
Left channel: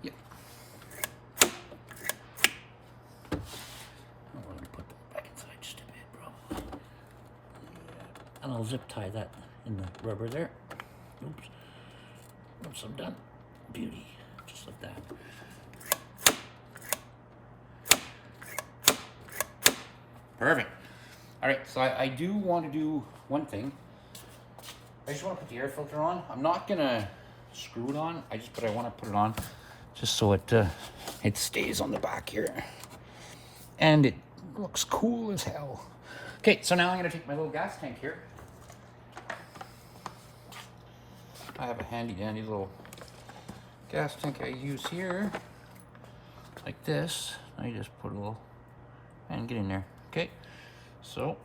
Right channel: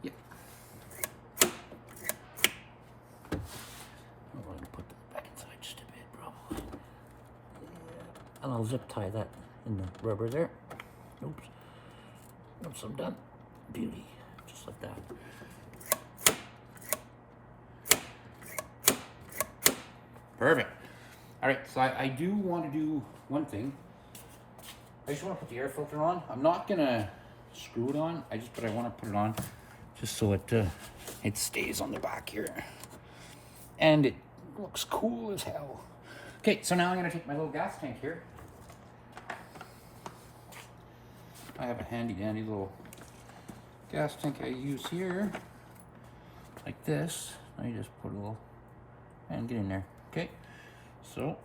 Yep. I'm going to put that back inside just a bit, probably. Yeah. And I'll zip tie that in the rubber there. Oops. Oops, I'm done. Beauty. Just like that. Perfect. All right, so I do want to do one thing. I just want to put the air filter on. I'm not gonna screw it on. But I want to put it on just so it stays on the back here, and it looks cool as hell. Okay, so now I'm gonna take my little gas tank here. I have a handy dandy little gas tank I use here, like this. I just put a little and get in there. Okay, so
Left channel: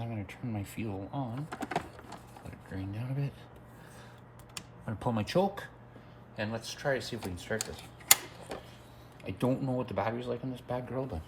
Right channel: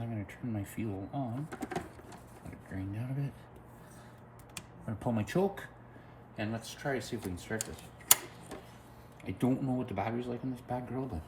I'm gonna turn my fuel on, let it drain down a bit. I'm gonna pull my choke, and let's try to see if we can start this. I don't know what the battery's like on this bad girl, but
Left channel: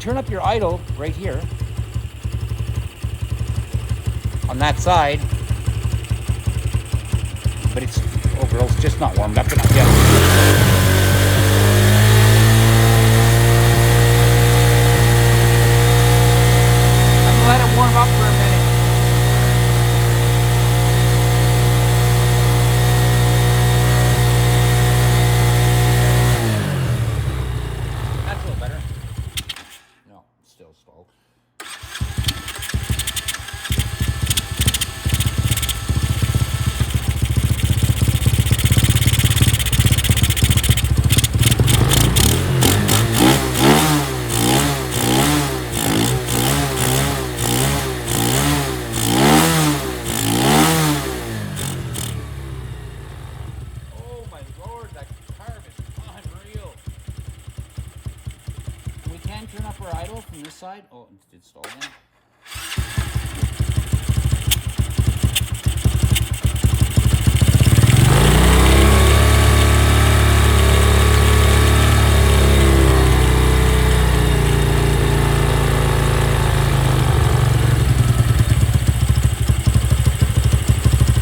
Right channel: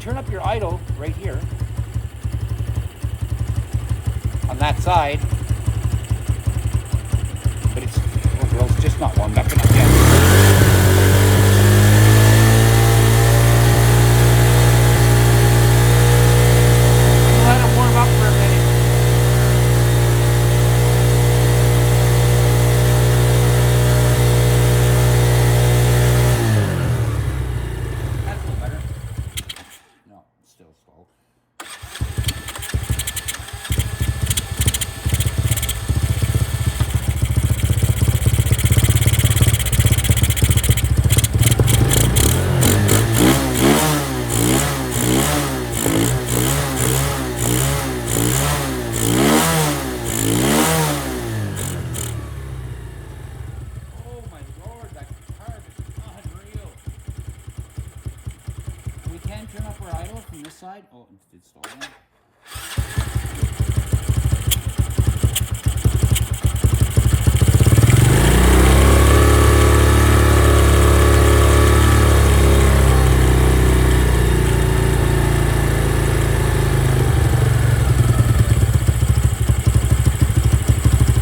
turn up your idle right here on that side, but it's just not warmed up enough yet. Let it warm up for a minute. That's a little better. No, still stalled. Oh my lord, that carb is unreal. We can turn up our idle from this side. Oh, it did stall again.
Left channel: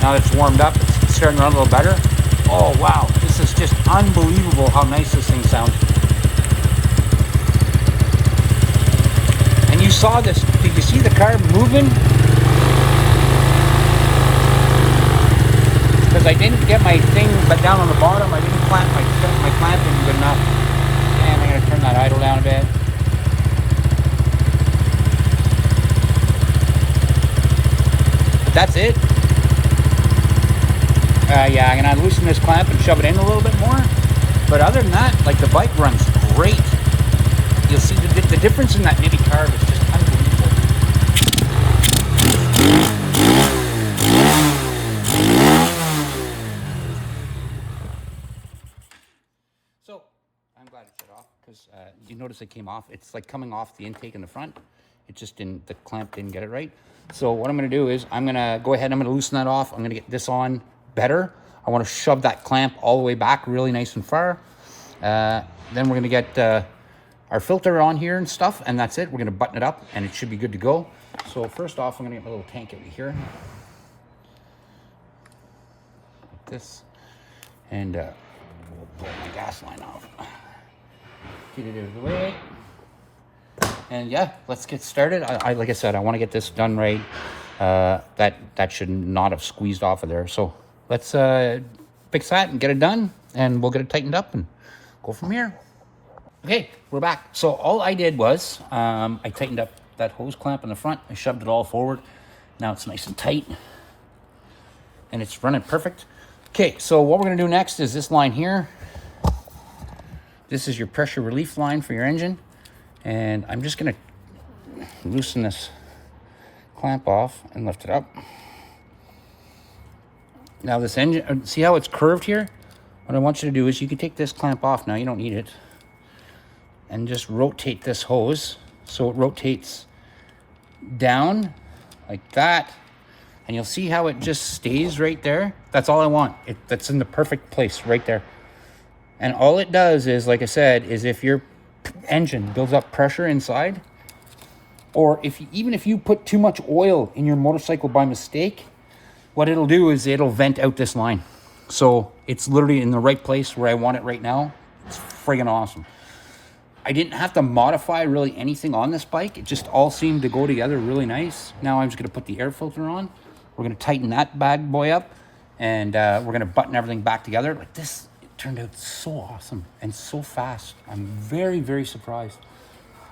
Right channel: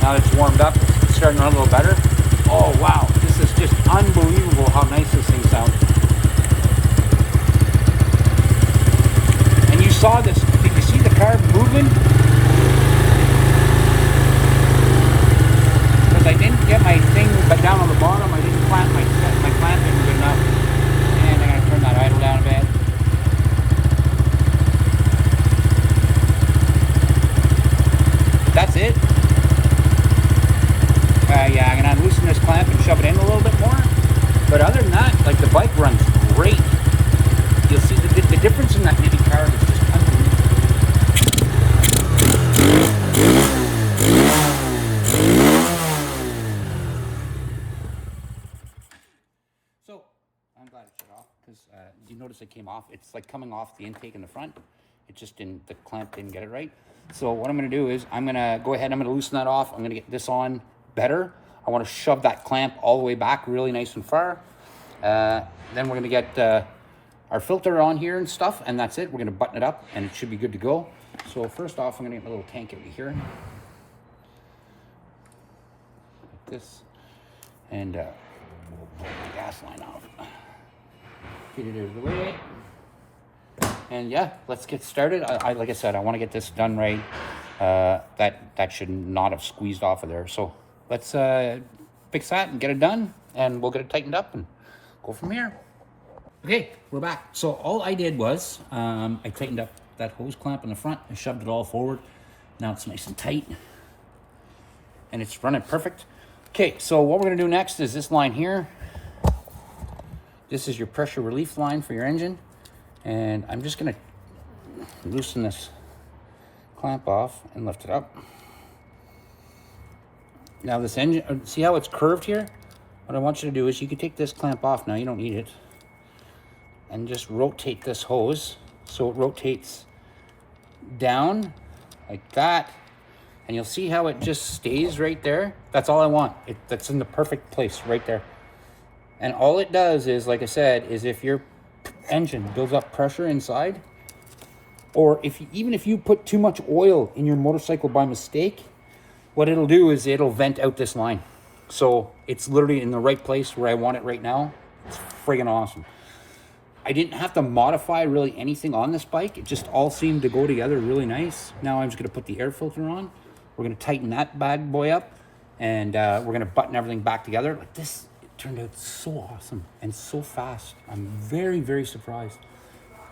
Now it's warmed up. It's starting to run a little better. Oh wow, this is just unbelievable how nice this thing sounds. And you saw this, did you see the carb moving? Because I didn't get my thing but down on the bottom, I didn't clamp it. My clamping good enough. And I'm going to turn that idle down a bit. That's it. Yeah, I'm going to loosen this clamp and shove it in a little bit more. But other than that, like, the bike runs great. You see, the difference in that Nibbi carb is just unbelievable. So, I'm glad it shut off, because you notice it came off. It's like coming off the intake in the front. It just didn't, the clamp didn't get it right. So what I'm going to do is I'm going to go ahead and I'm going to loosen that off. I'm going to get this on better. I want to shove that clamp all the way back really nice and far. Then we're going to get our filter on here and stuff, and that's it. We're going to button it up and it should be good to go. So first off, I'm going to get my little tank over here. Like this. And wipe the gas line off. Get it out of the way. And yeah, let's get started. Like I said, I want to get this done right. That should not have squeezed off of there. So let's fix that and get it done, and we'll get it tightened up and go from here. Okay, we're back. So all I did was I tightened up that hose clamp in the front. I shoved it all forward. Now it's nice and tight, and it's running perfect. Okay, so what we're gonna do next is this line here. This is your pressure relief line for your engine. And I'm just gonna loosen this clamp off and lift it up. Now this engine, see how it's curved here? What I want you to do is you can take this clamp off now, you don't need it, and just rotate this hose so it rotates down like that, And you'll see how it just stays right there. That's all I want. That's in the perfect place right there. And all it does is, like I said, is if your engine builds up pressure inside, or even if you put too much oil in your motorcycle by mistake, what it'll do is it'll vent out this line. So it's literally in the right place where I want it right now. It's friggin' awesome. I didn't have to modify really anything on this bike. It just all seemed to go together really nice. Now I'm just gonna put the air filter on. We're gonna tighten that bad boy up, and we're gonna button everything back together. But this, it turned out so awesome and so fast. I'm very, very surprised.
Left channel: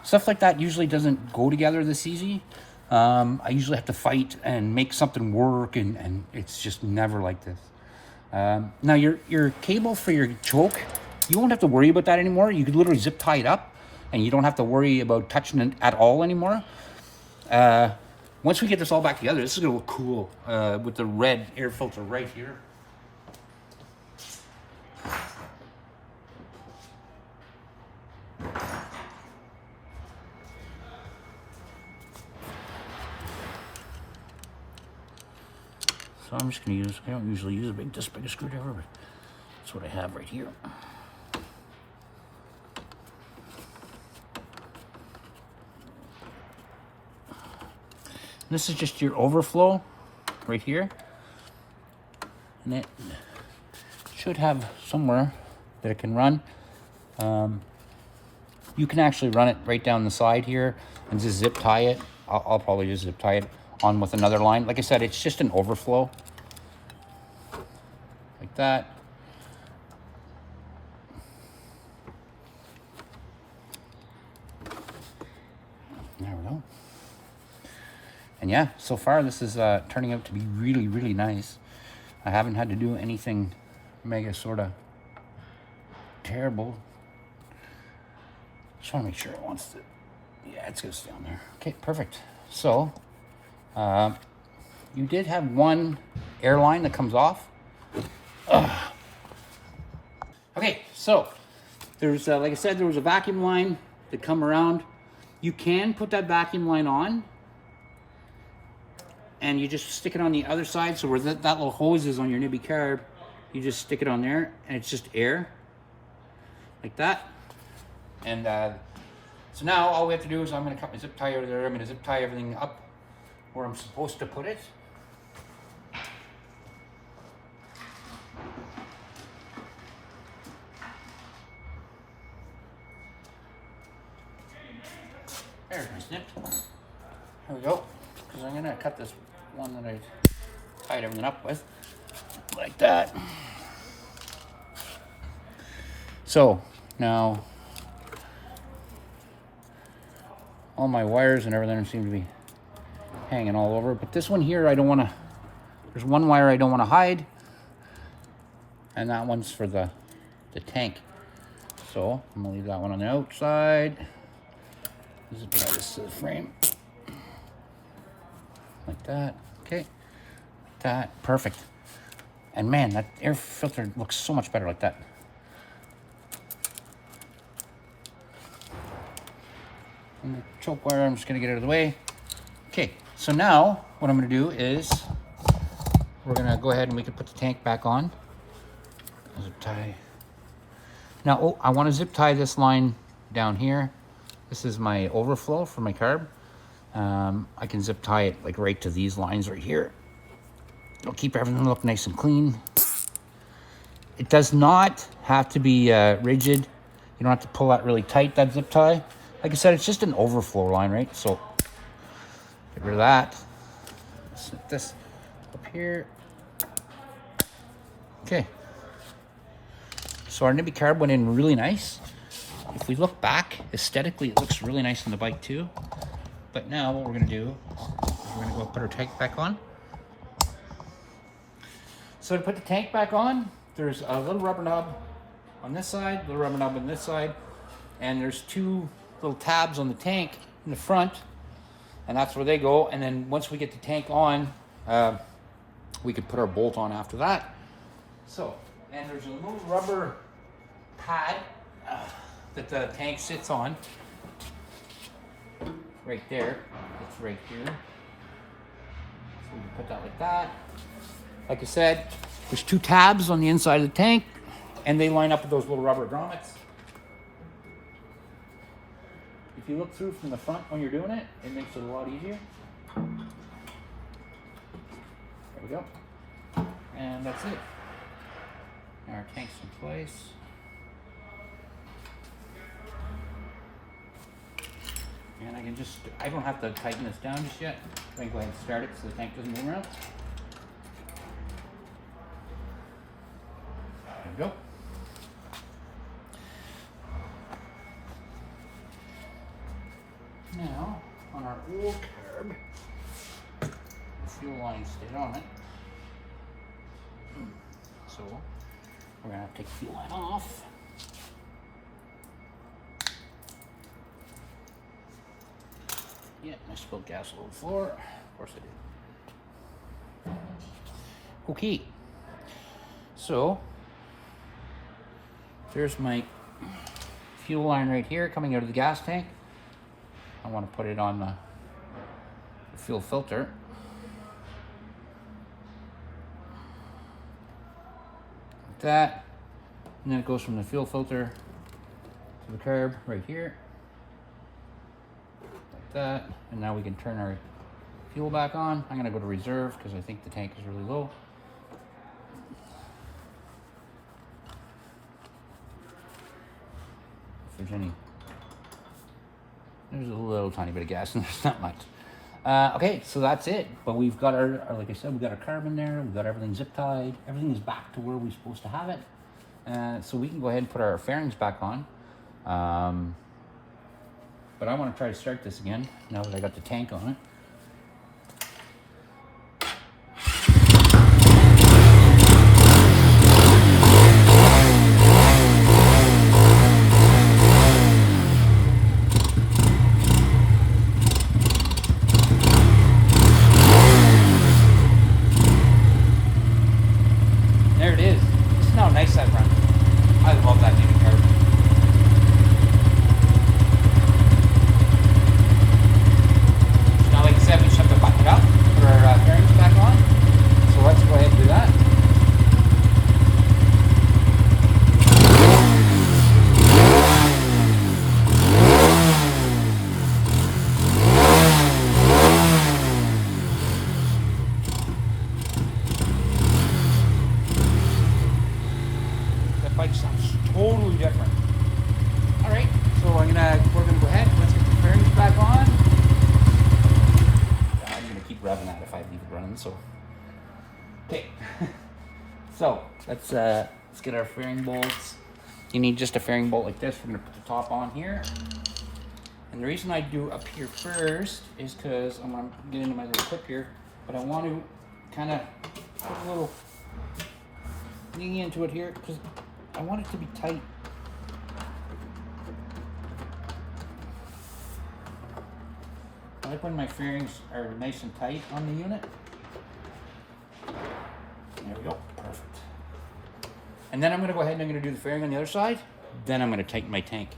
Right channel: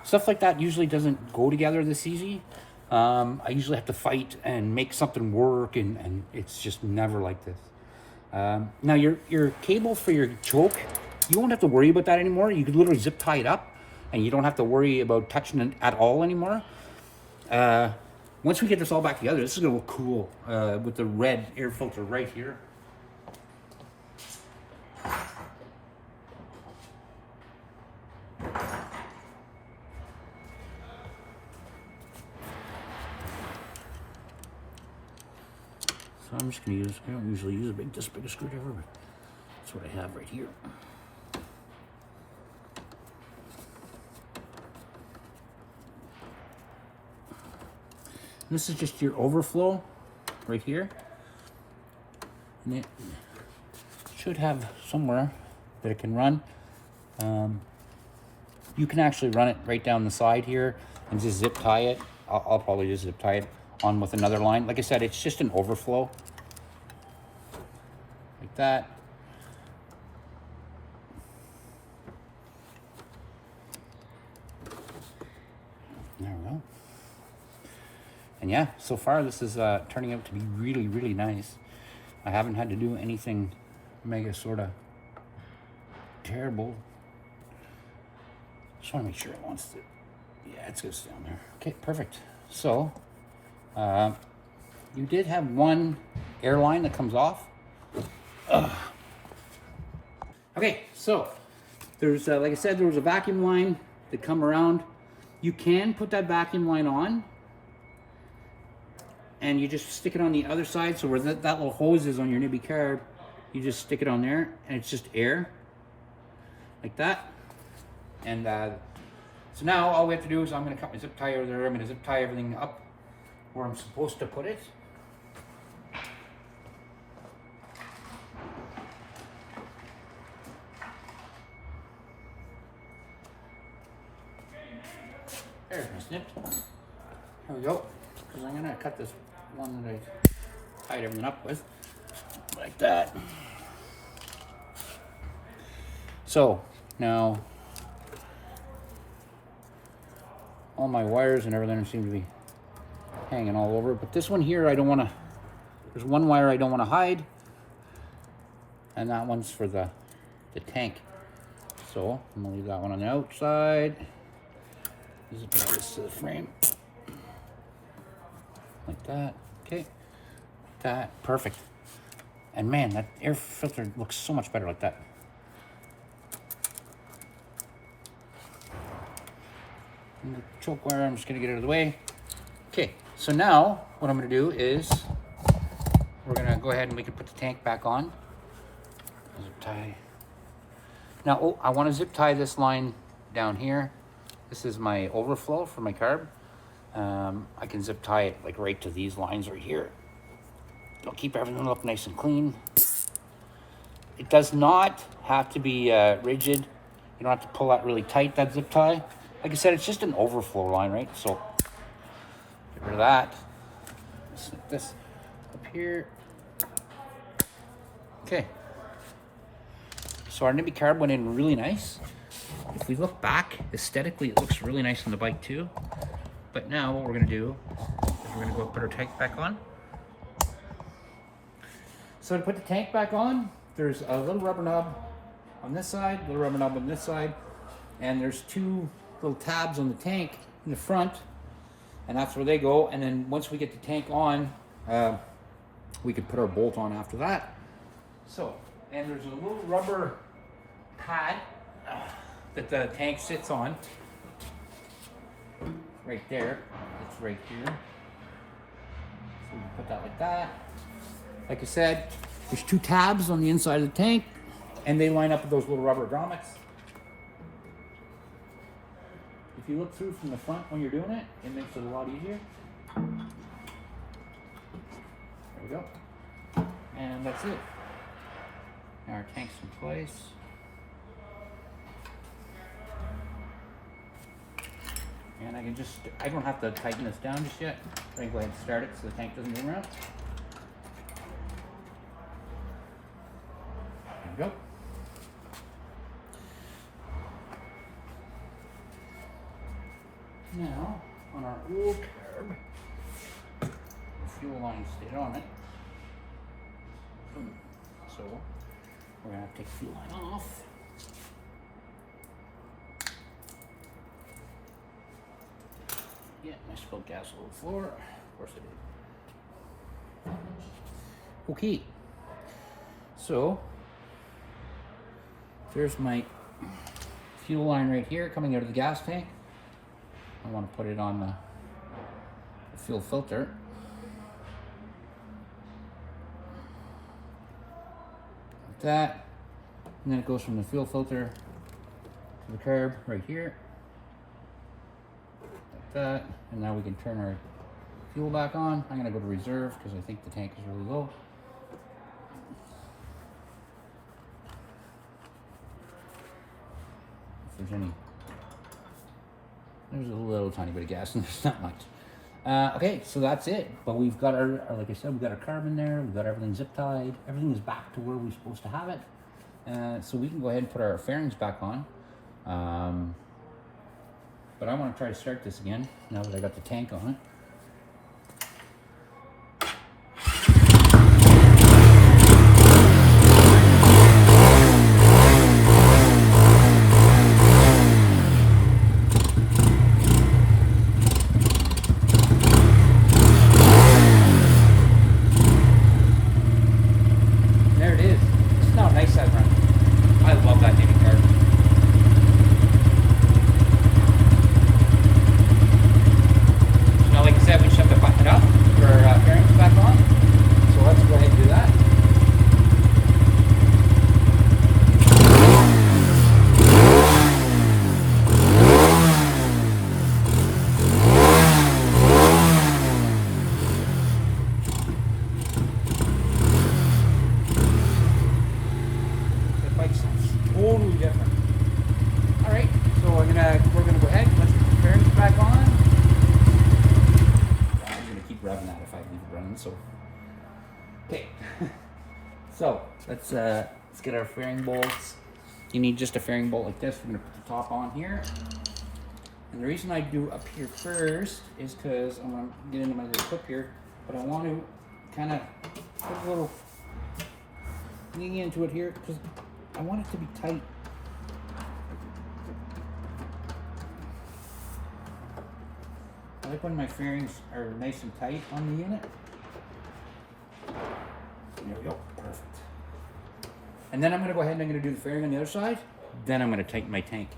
Stuff like that usually doesn't go together this easy. I usually have to fight and make something work, and it's just never like this. Now your cable for your choke, you won't have to worry about that anymore. You could literally zip tie it up, and you don't have to worry about touching it at all anymore. Once we get this all back together, this is gonna look cool with the red air filter right here. So I'm just gonna use, I don't usually use this big a screwdriver, but that's what I have right here. This is just your overflow right here. And it should have somewhere that it can run. You can actually run it right down the side here and just zip tie it. I'll probably just zip tie it on with another line. Like I said, it's just an overflow. Like that. There we go. And yeah, so far this is turning out to be really, really nice. I haven't had to do anything mega sort of terrible. Just want to make sure it wants to, yeah, it's gonna stay on there. Okay, perfect. So, you did have one airline that comes off. Okay, so there's, like I said, there was a vacuum line that come around. You can put that vacuum line on, and you just stick it on the other side. So where that little hose is on your Nibbi carb, you just stick it on there, and it's just air, like that. And so now all we have to do is I'm going to cut my zip tie over there. I'm going to zip tie everything up where I'm supposed to put it. There, it's snipped. There we go. Because I'm going to cut this one that I tied everything up with, like that. So now all my wires and everything seem to be hanging all over, but this one here I don't want to, there's one wire I don't want to hide, and that one's for the tank. So I'm gonna leave that one on the outside. Just put this to the frame like that. Okay, that perfect. And man, that air filter looks so much better like that. And the choke wire, I'm just gonna get it out of the way. Okay, so now what I'm gonna do is we're gonna go ahead and we can put the tank back on. Zip tie. Now, oh, I want to zip tie this line down here. This is my overflow for my carb. I can zip tie it like right to these lines right here. It'll keep everything look nice and clean. It does not have to be rigid. You don't have to pull that really tight, that zip tie. Like I said, it's just an overflow line, right? So get rid of that. Snip this up here. Okay. So our Nibbi carb went in really nice. If we look back, aesthetically, it looks really nice on the bike too. But now what we're gonna do is we're gonna go put our tank back on. So to put the tank back on, there's a little rubber knob on this side, little rubber knob on this side, and there's two little tabs on the tank in the front, and that's where they go. And then once we get the tank on, we could put our bolt on after that. So, and there's a little rubber pad that the tank sits on, right there. It's right here. So we can put that like that. Like I said, there's 2 tabs on the inside of the tank, and they line up with those little rubber grommets. If you look through from the front when you're doing it, it makes it a lot easier. There we go. And that's it. Now our tank's in place. And I don't have to tighten this down just yet. I can go ahead and start it so the tank doesn't move around. There we go. Now, on our old carb, the fuel line stayed on it. So, we're going to take the fuel line off. Yeah, I spilled gas all over the floor. Of course I did. Okay. So, there's my fuel line right here coming out of the gas tank. I want to put it on the fuel filter. Like that. And then it goes from the fuel filter to the carb right here. Like that. And now we can turn our fuel back on. I'm going to go to reserve because I think the tank is really low. If there's any... There's a little tiny bit of gas and there's not much. Okay, so that's it. But we've got our, like I said, we've got our carb in there. We've got everything zip tied. Everything is back to where we're supposed to have it. So we can go ahead and put our fairings back on. But I want to try to start this again now that I got the tank on it. Totally different. All right, so we're gonna go ahead. Let's get the fairings back on. Yeah, I'm gonna keep revving that if I leave it running. So, okay. So let's get our fairing bolts. You need just a fairing bolt like this. We're gonna put the top on here. And the reason I do up here first is because I'm gonna get into my little clip here, but I want to kind of put a little thing into it here because I want it to be tight. I like when my fairings are nice and tight on the unit. There we go, perfect. And then I'm gonna go ahead and I'm gonna do the fairing on the other side. Then I'm gonna tighten my tank.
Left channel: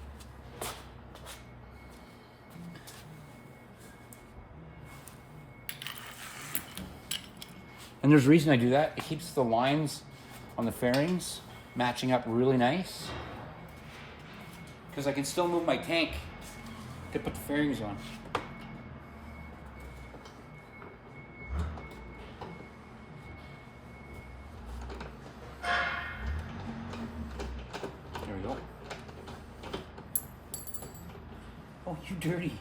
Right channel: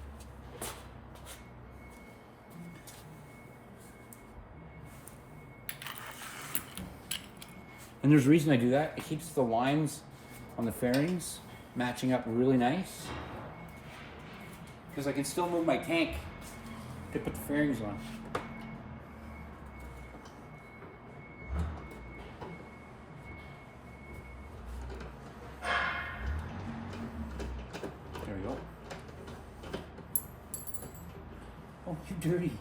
And there's a reason I do that. It keeps the lines on the fairings matching up really nice, because I can still move my tank to put the fairings on. There we go. Oh, you dirty.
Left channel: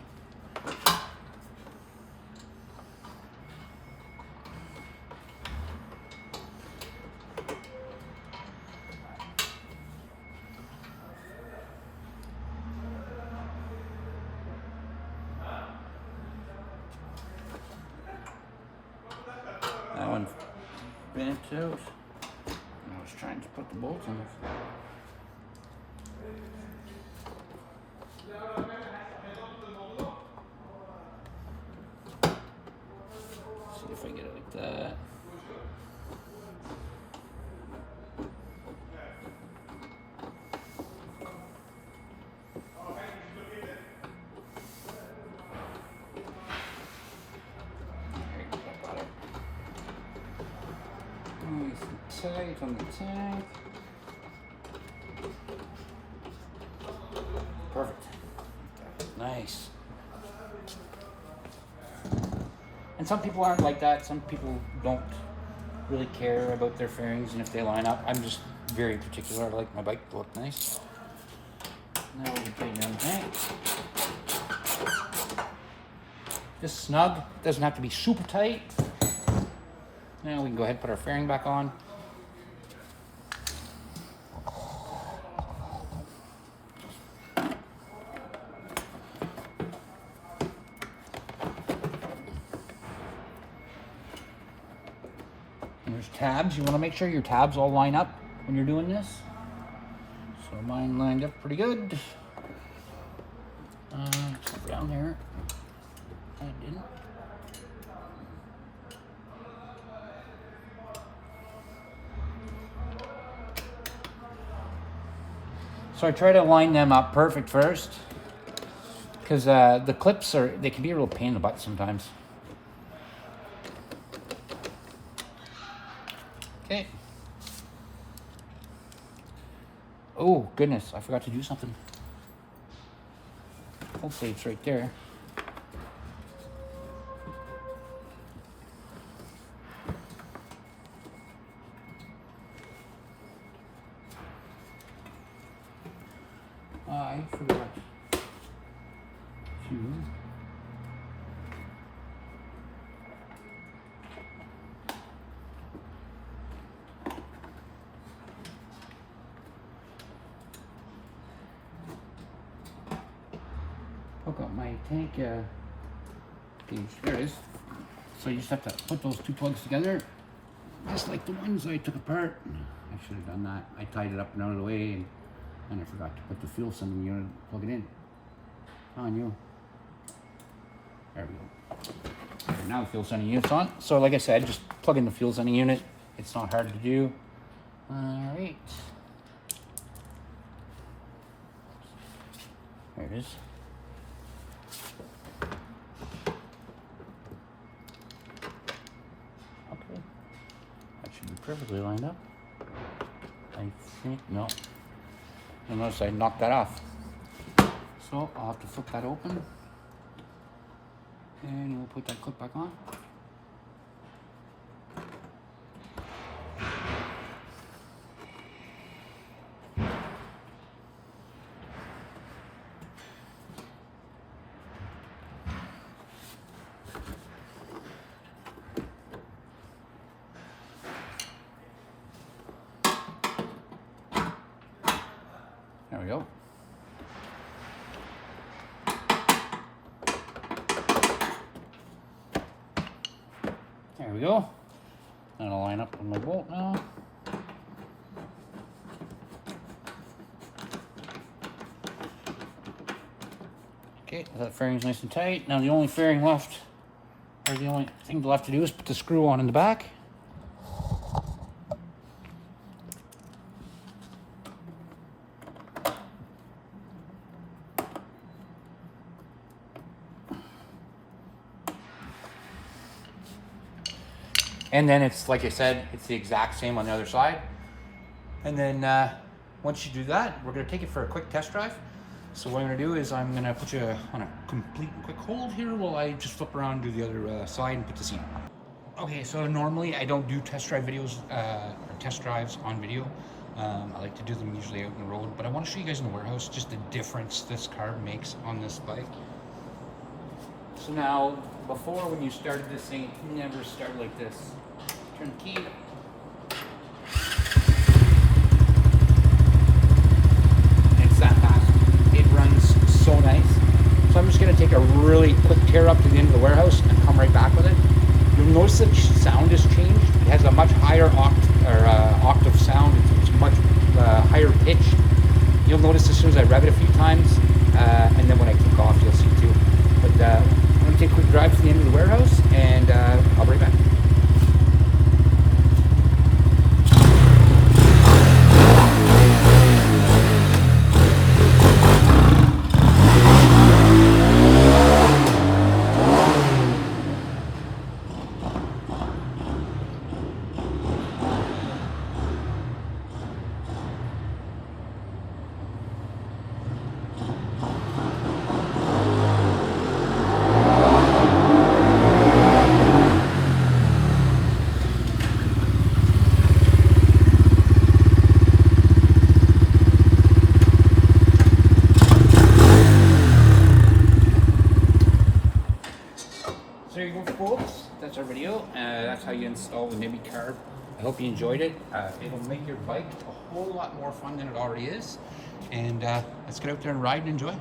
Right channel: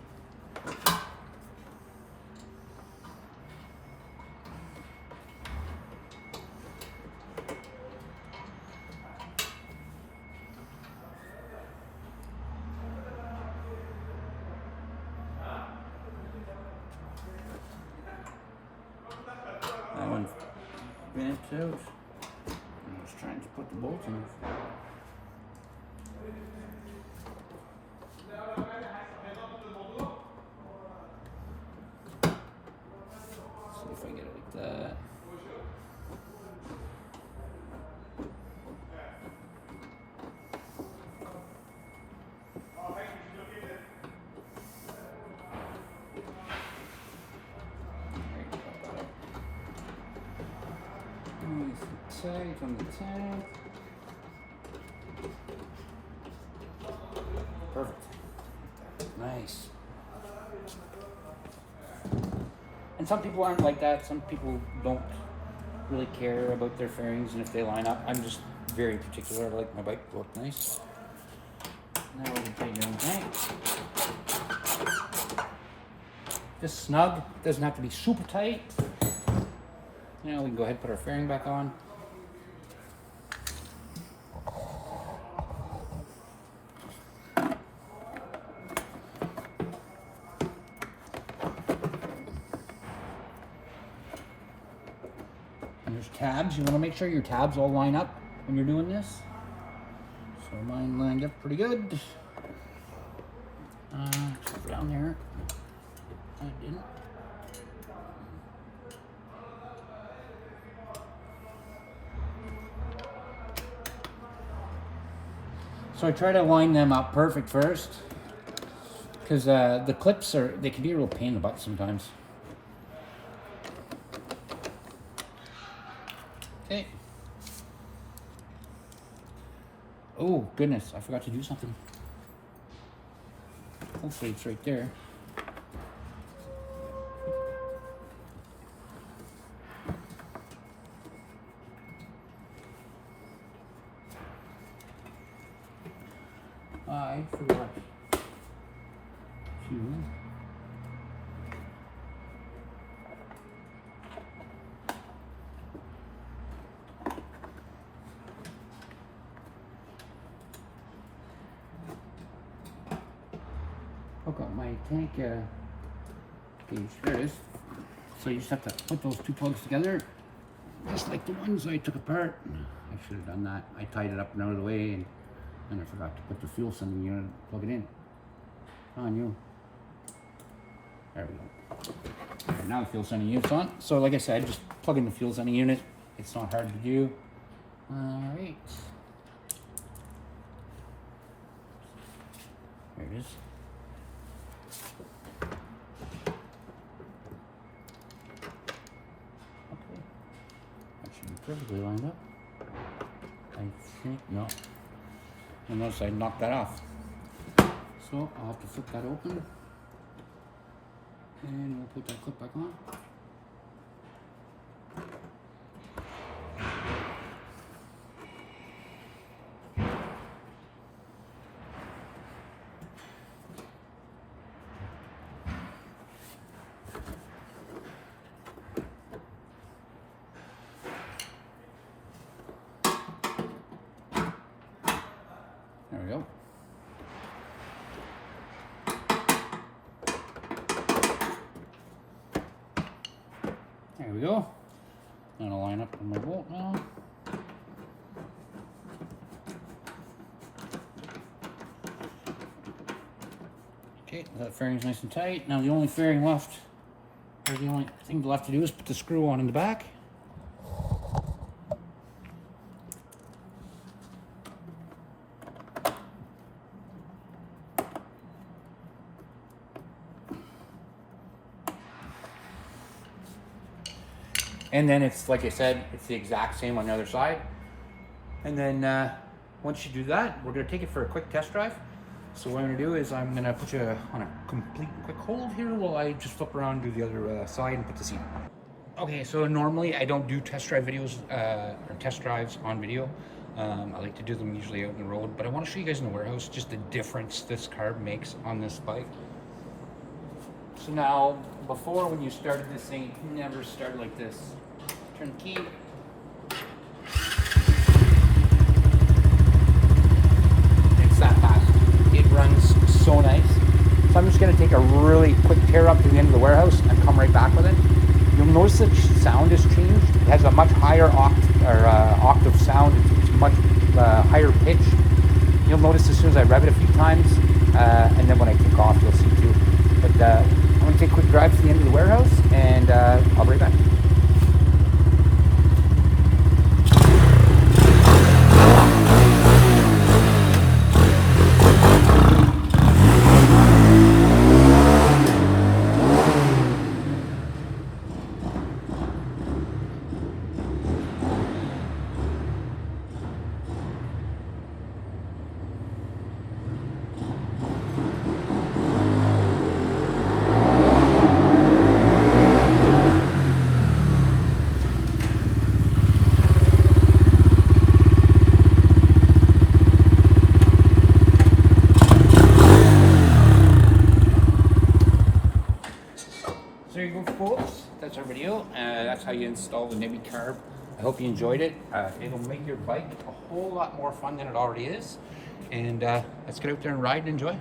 That one bent out. I was trying to put the bolts in. See if I get it like that. There you go, got it. tight on the tank. Perfect. Nice. And some people aren't like that. Some people don't really care about their fairings and if they line up. I'm just very particular. I like my bike to look nice. Now we can tighten down the tank. Just snug. Doesn't have to be super tight. Now we can go ahead and put our fairing back on. And there's tabs. You want to make sure your tabs all line up when you're doing this. So mine lined up pretty good. Down there, I didn't. So I try to line them up perfect first, because the clips they can be a real pain in the butt sometimes. Okay. Oh goodness, I forgot to do something. Hopefully it's right there. I forgot to hook up my tank gauge. There it is. So you just have to put those two plugs together, just like the ones I took apart. I should have done that. I tied it up and out of the way, and I forgot to put the fuel sending unit, plug it in. On you. There we go. Okay, now the fuel sending unit's on. So like I said, just plug in the fuel sending unit. It's not hard to do. All right. There it is. Okay. That should be perfectly lined up. I think, no. Unless I knock that off. So I'll have to flip that open. And we'll put that clip back on. There we go. There we go. And I'll line up on my bolt now. Okay, that fairing's nice and tight. Now the only fairing left, or the only thing left to do is put the screw on in the back. And then it's, like I said, it's the exact same on the other side. And then once you do that, we're gonna take it for a quick test drive. So what I'm gonna do is I'm gonna put you on a complete quick hold here while I just flip around and do the other side and put the seat on. Okay, so normally I don't do test drive videos or test drives on video. I like to do them usually out in the road, but I wanna show you guys in the warehouse just the difference this carb makes on this bike. So now, before when you started this thing, it never started like this. Turn the key. It's that fast. It runs so nice. So I'm just gonna take a really quick tear up to the end of the warehouse and come right back with it. You'll notice that sound has changed. It has a much higher octave sound. It's much higher pitch. You'll notice as soon as I rev it a few times, and then when I kick off, you'll see too. But I'm going to take a quick drive to the end of the warehouse, and I'll be right back. that's our video. That's how you install the Nibbi carb. I hope you enjoyed it. It'll make your bike a whole lot more fun than it already is. And let's get out there and ride and enjoy.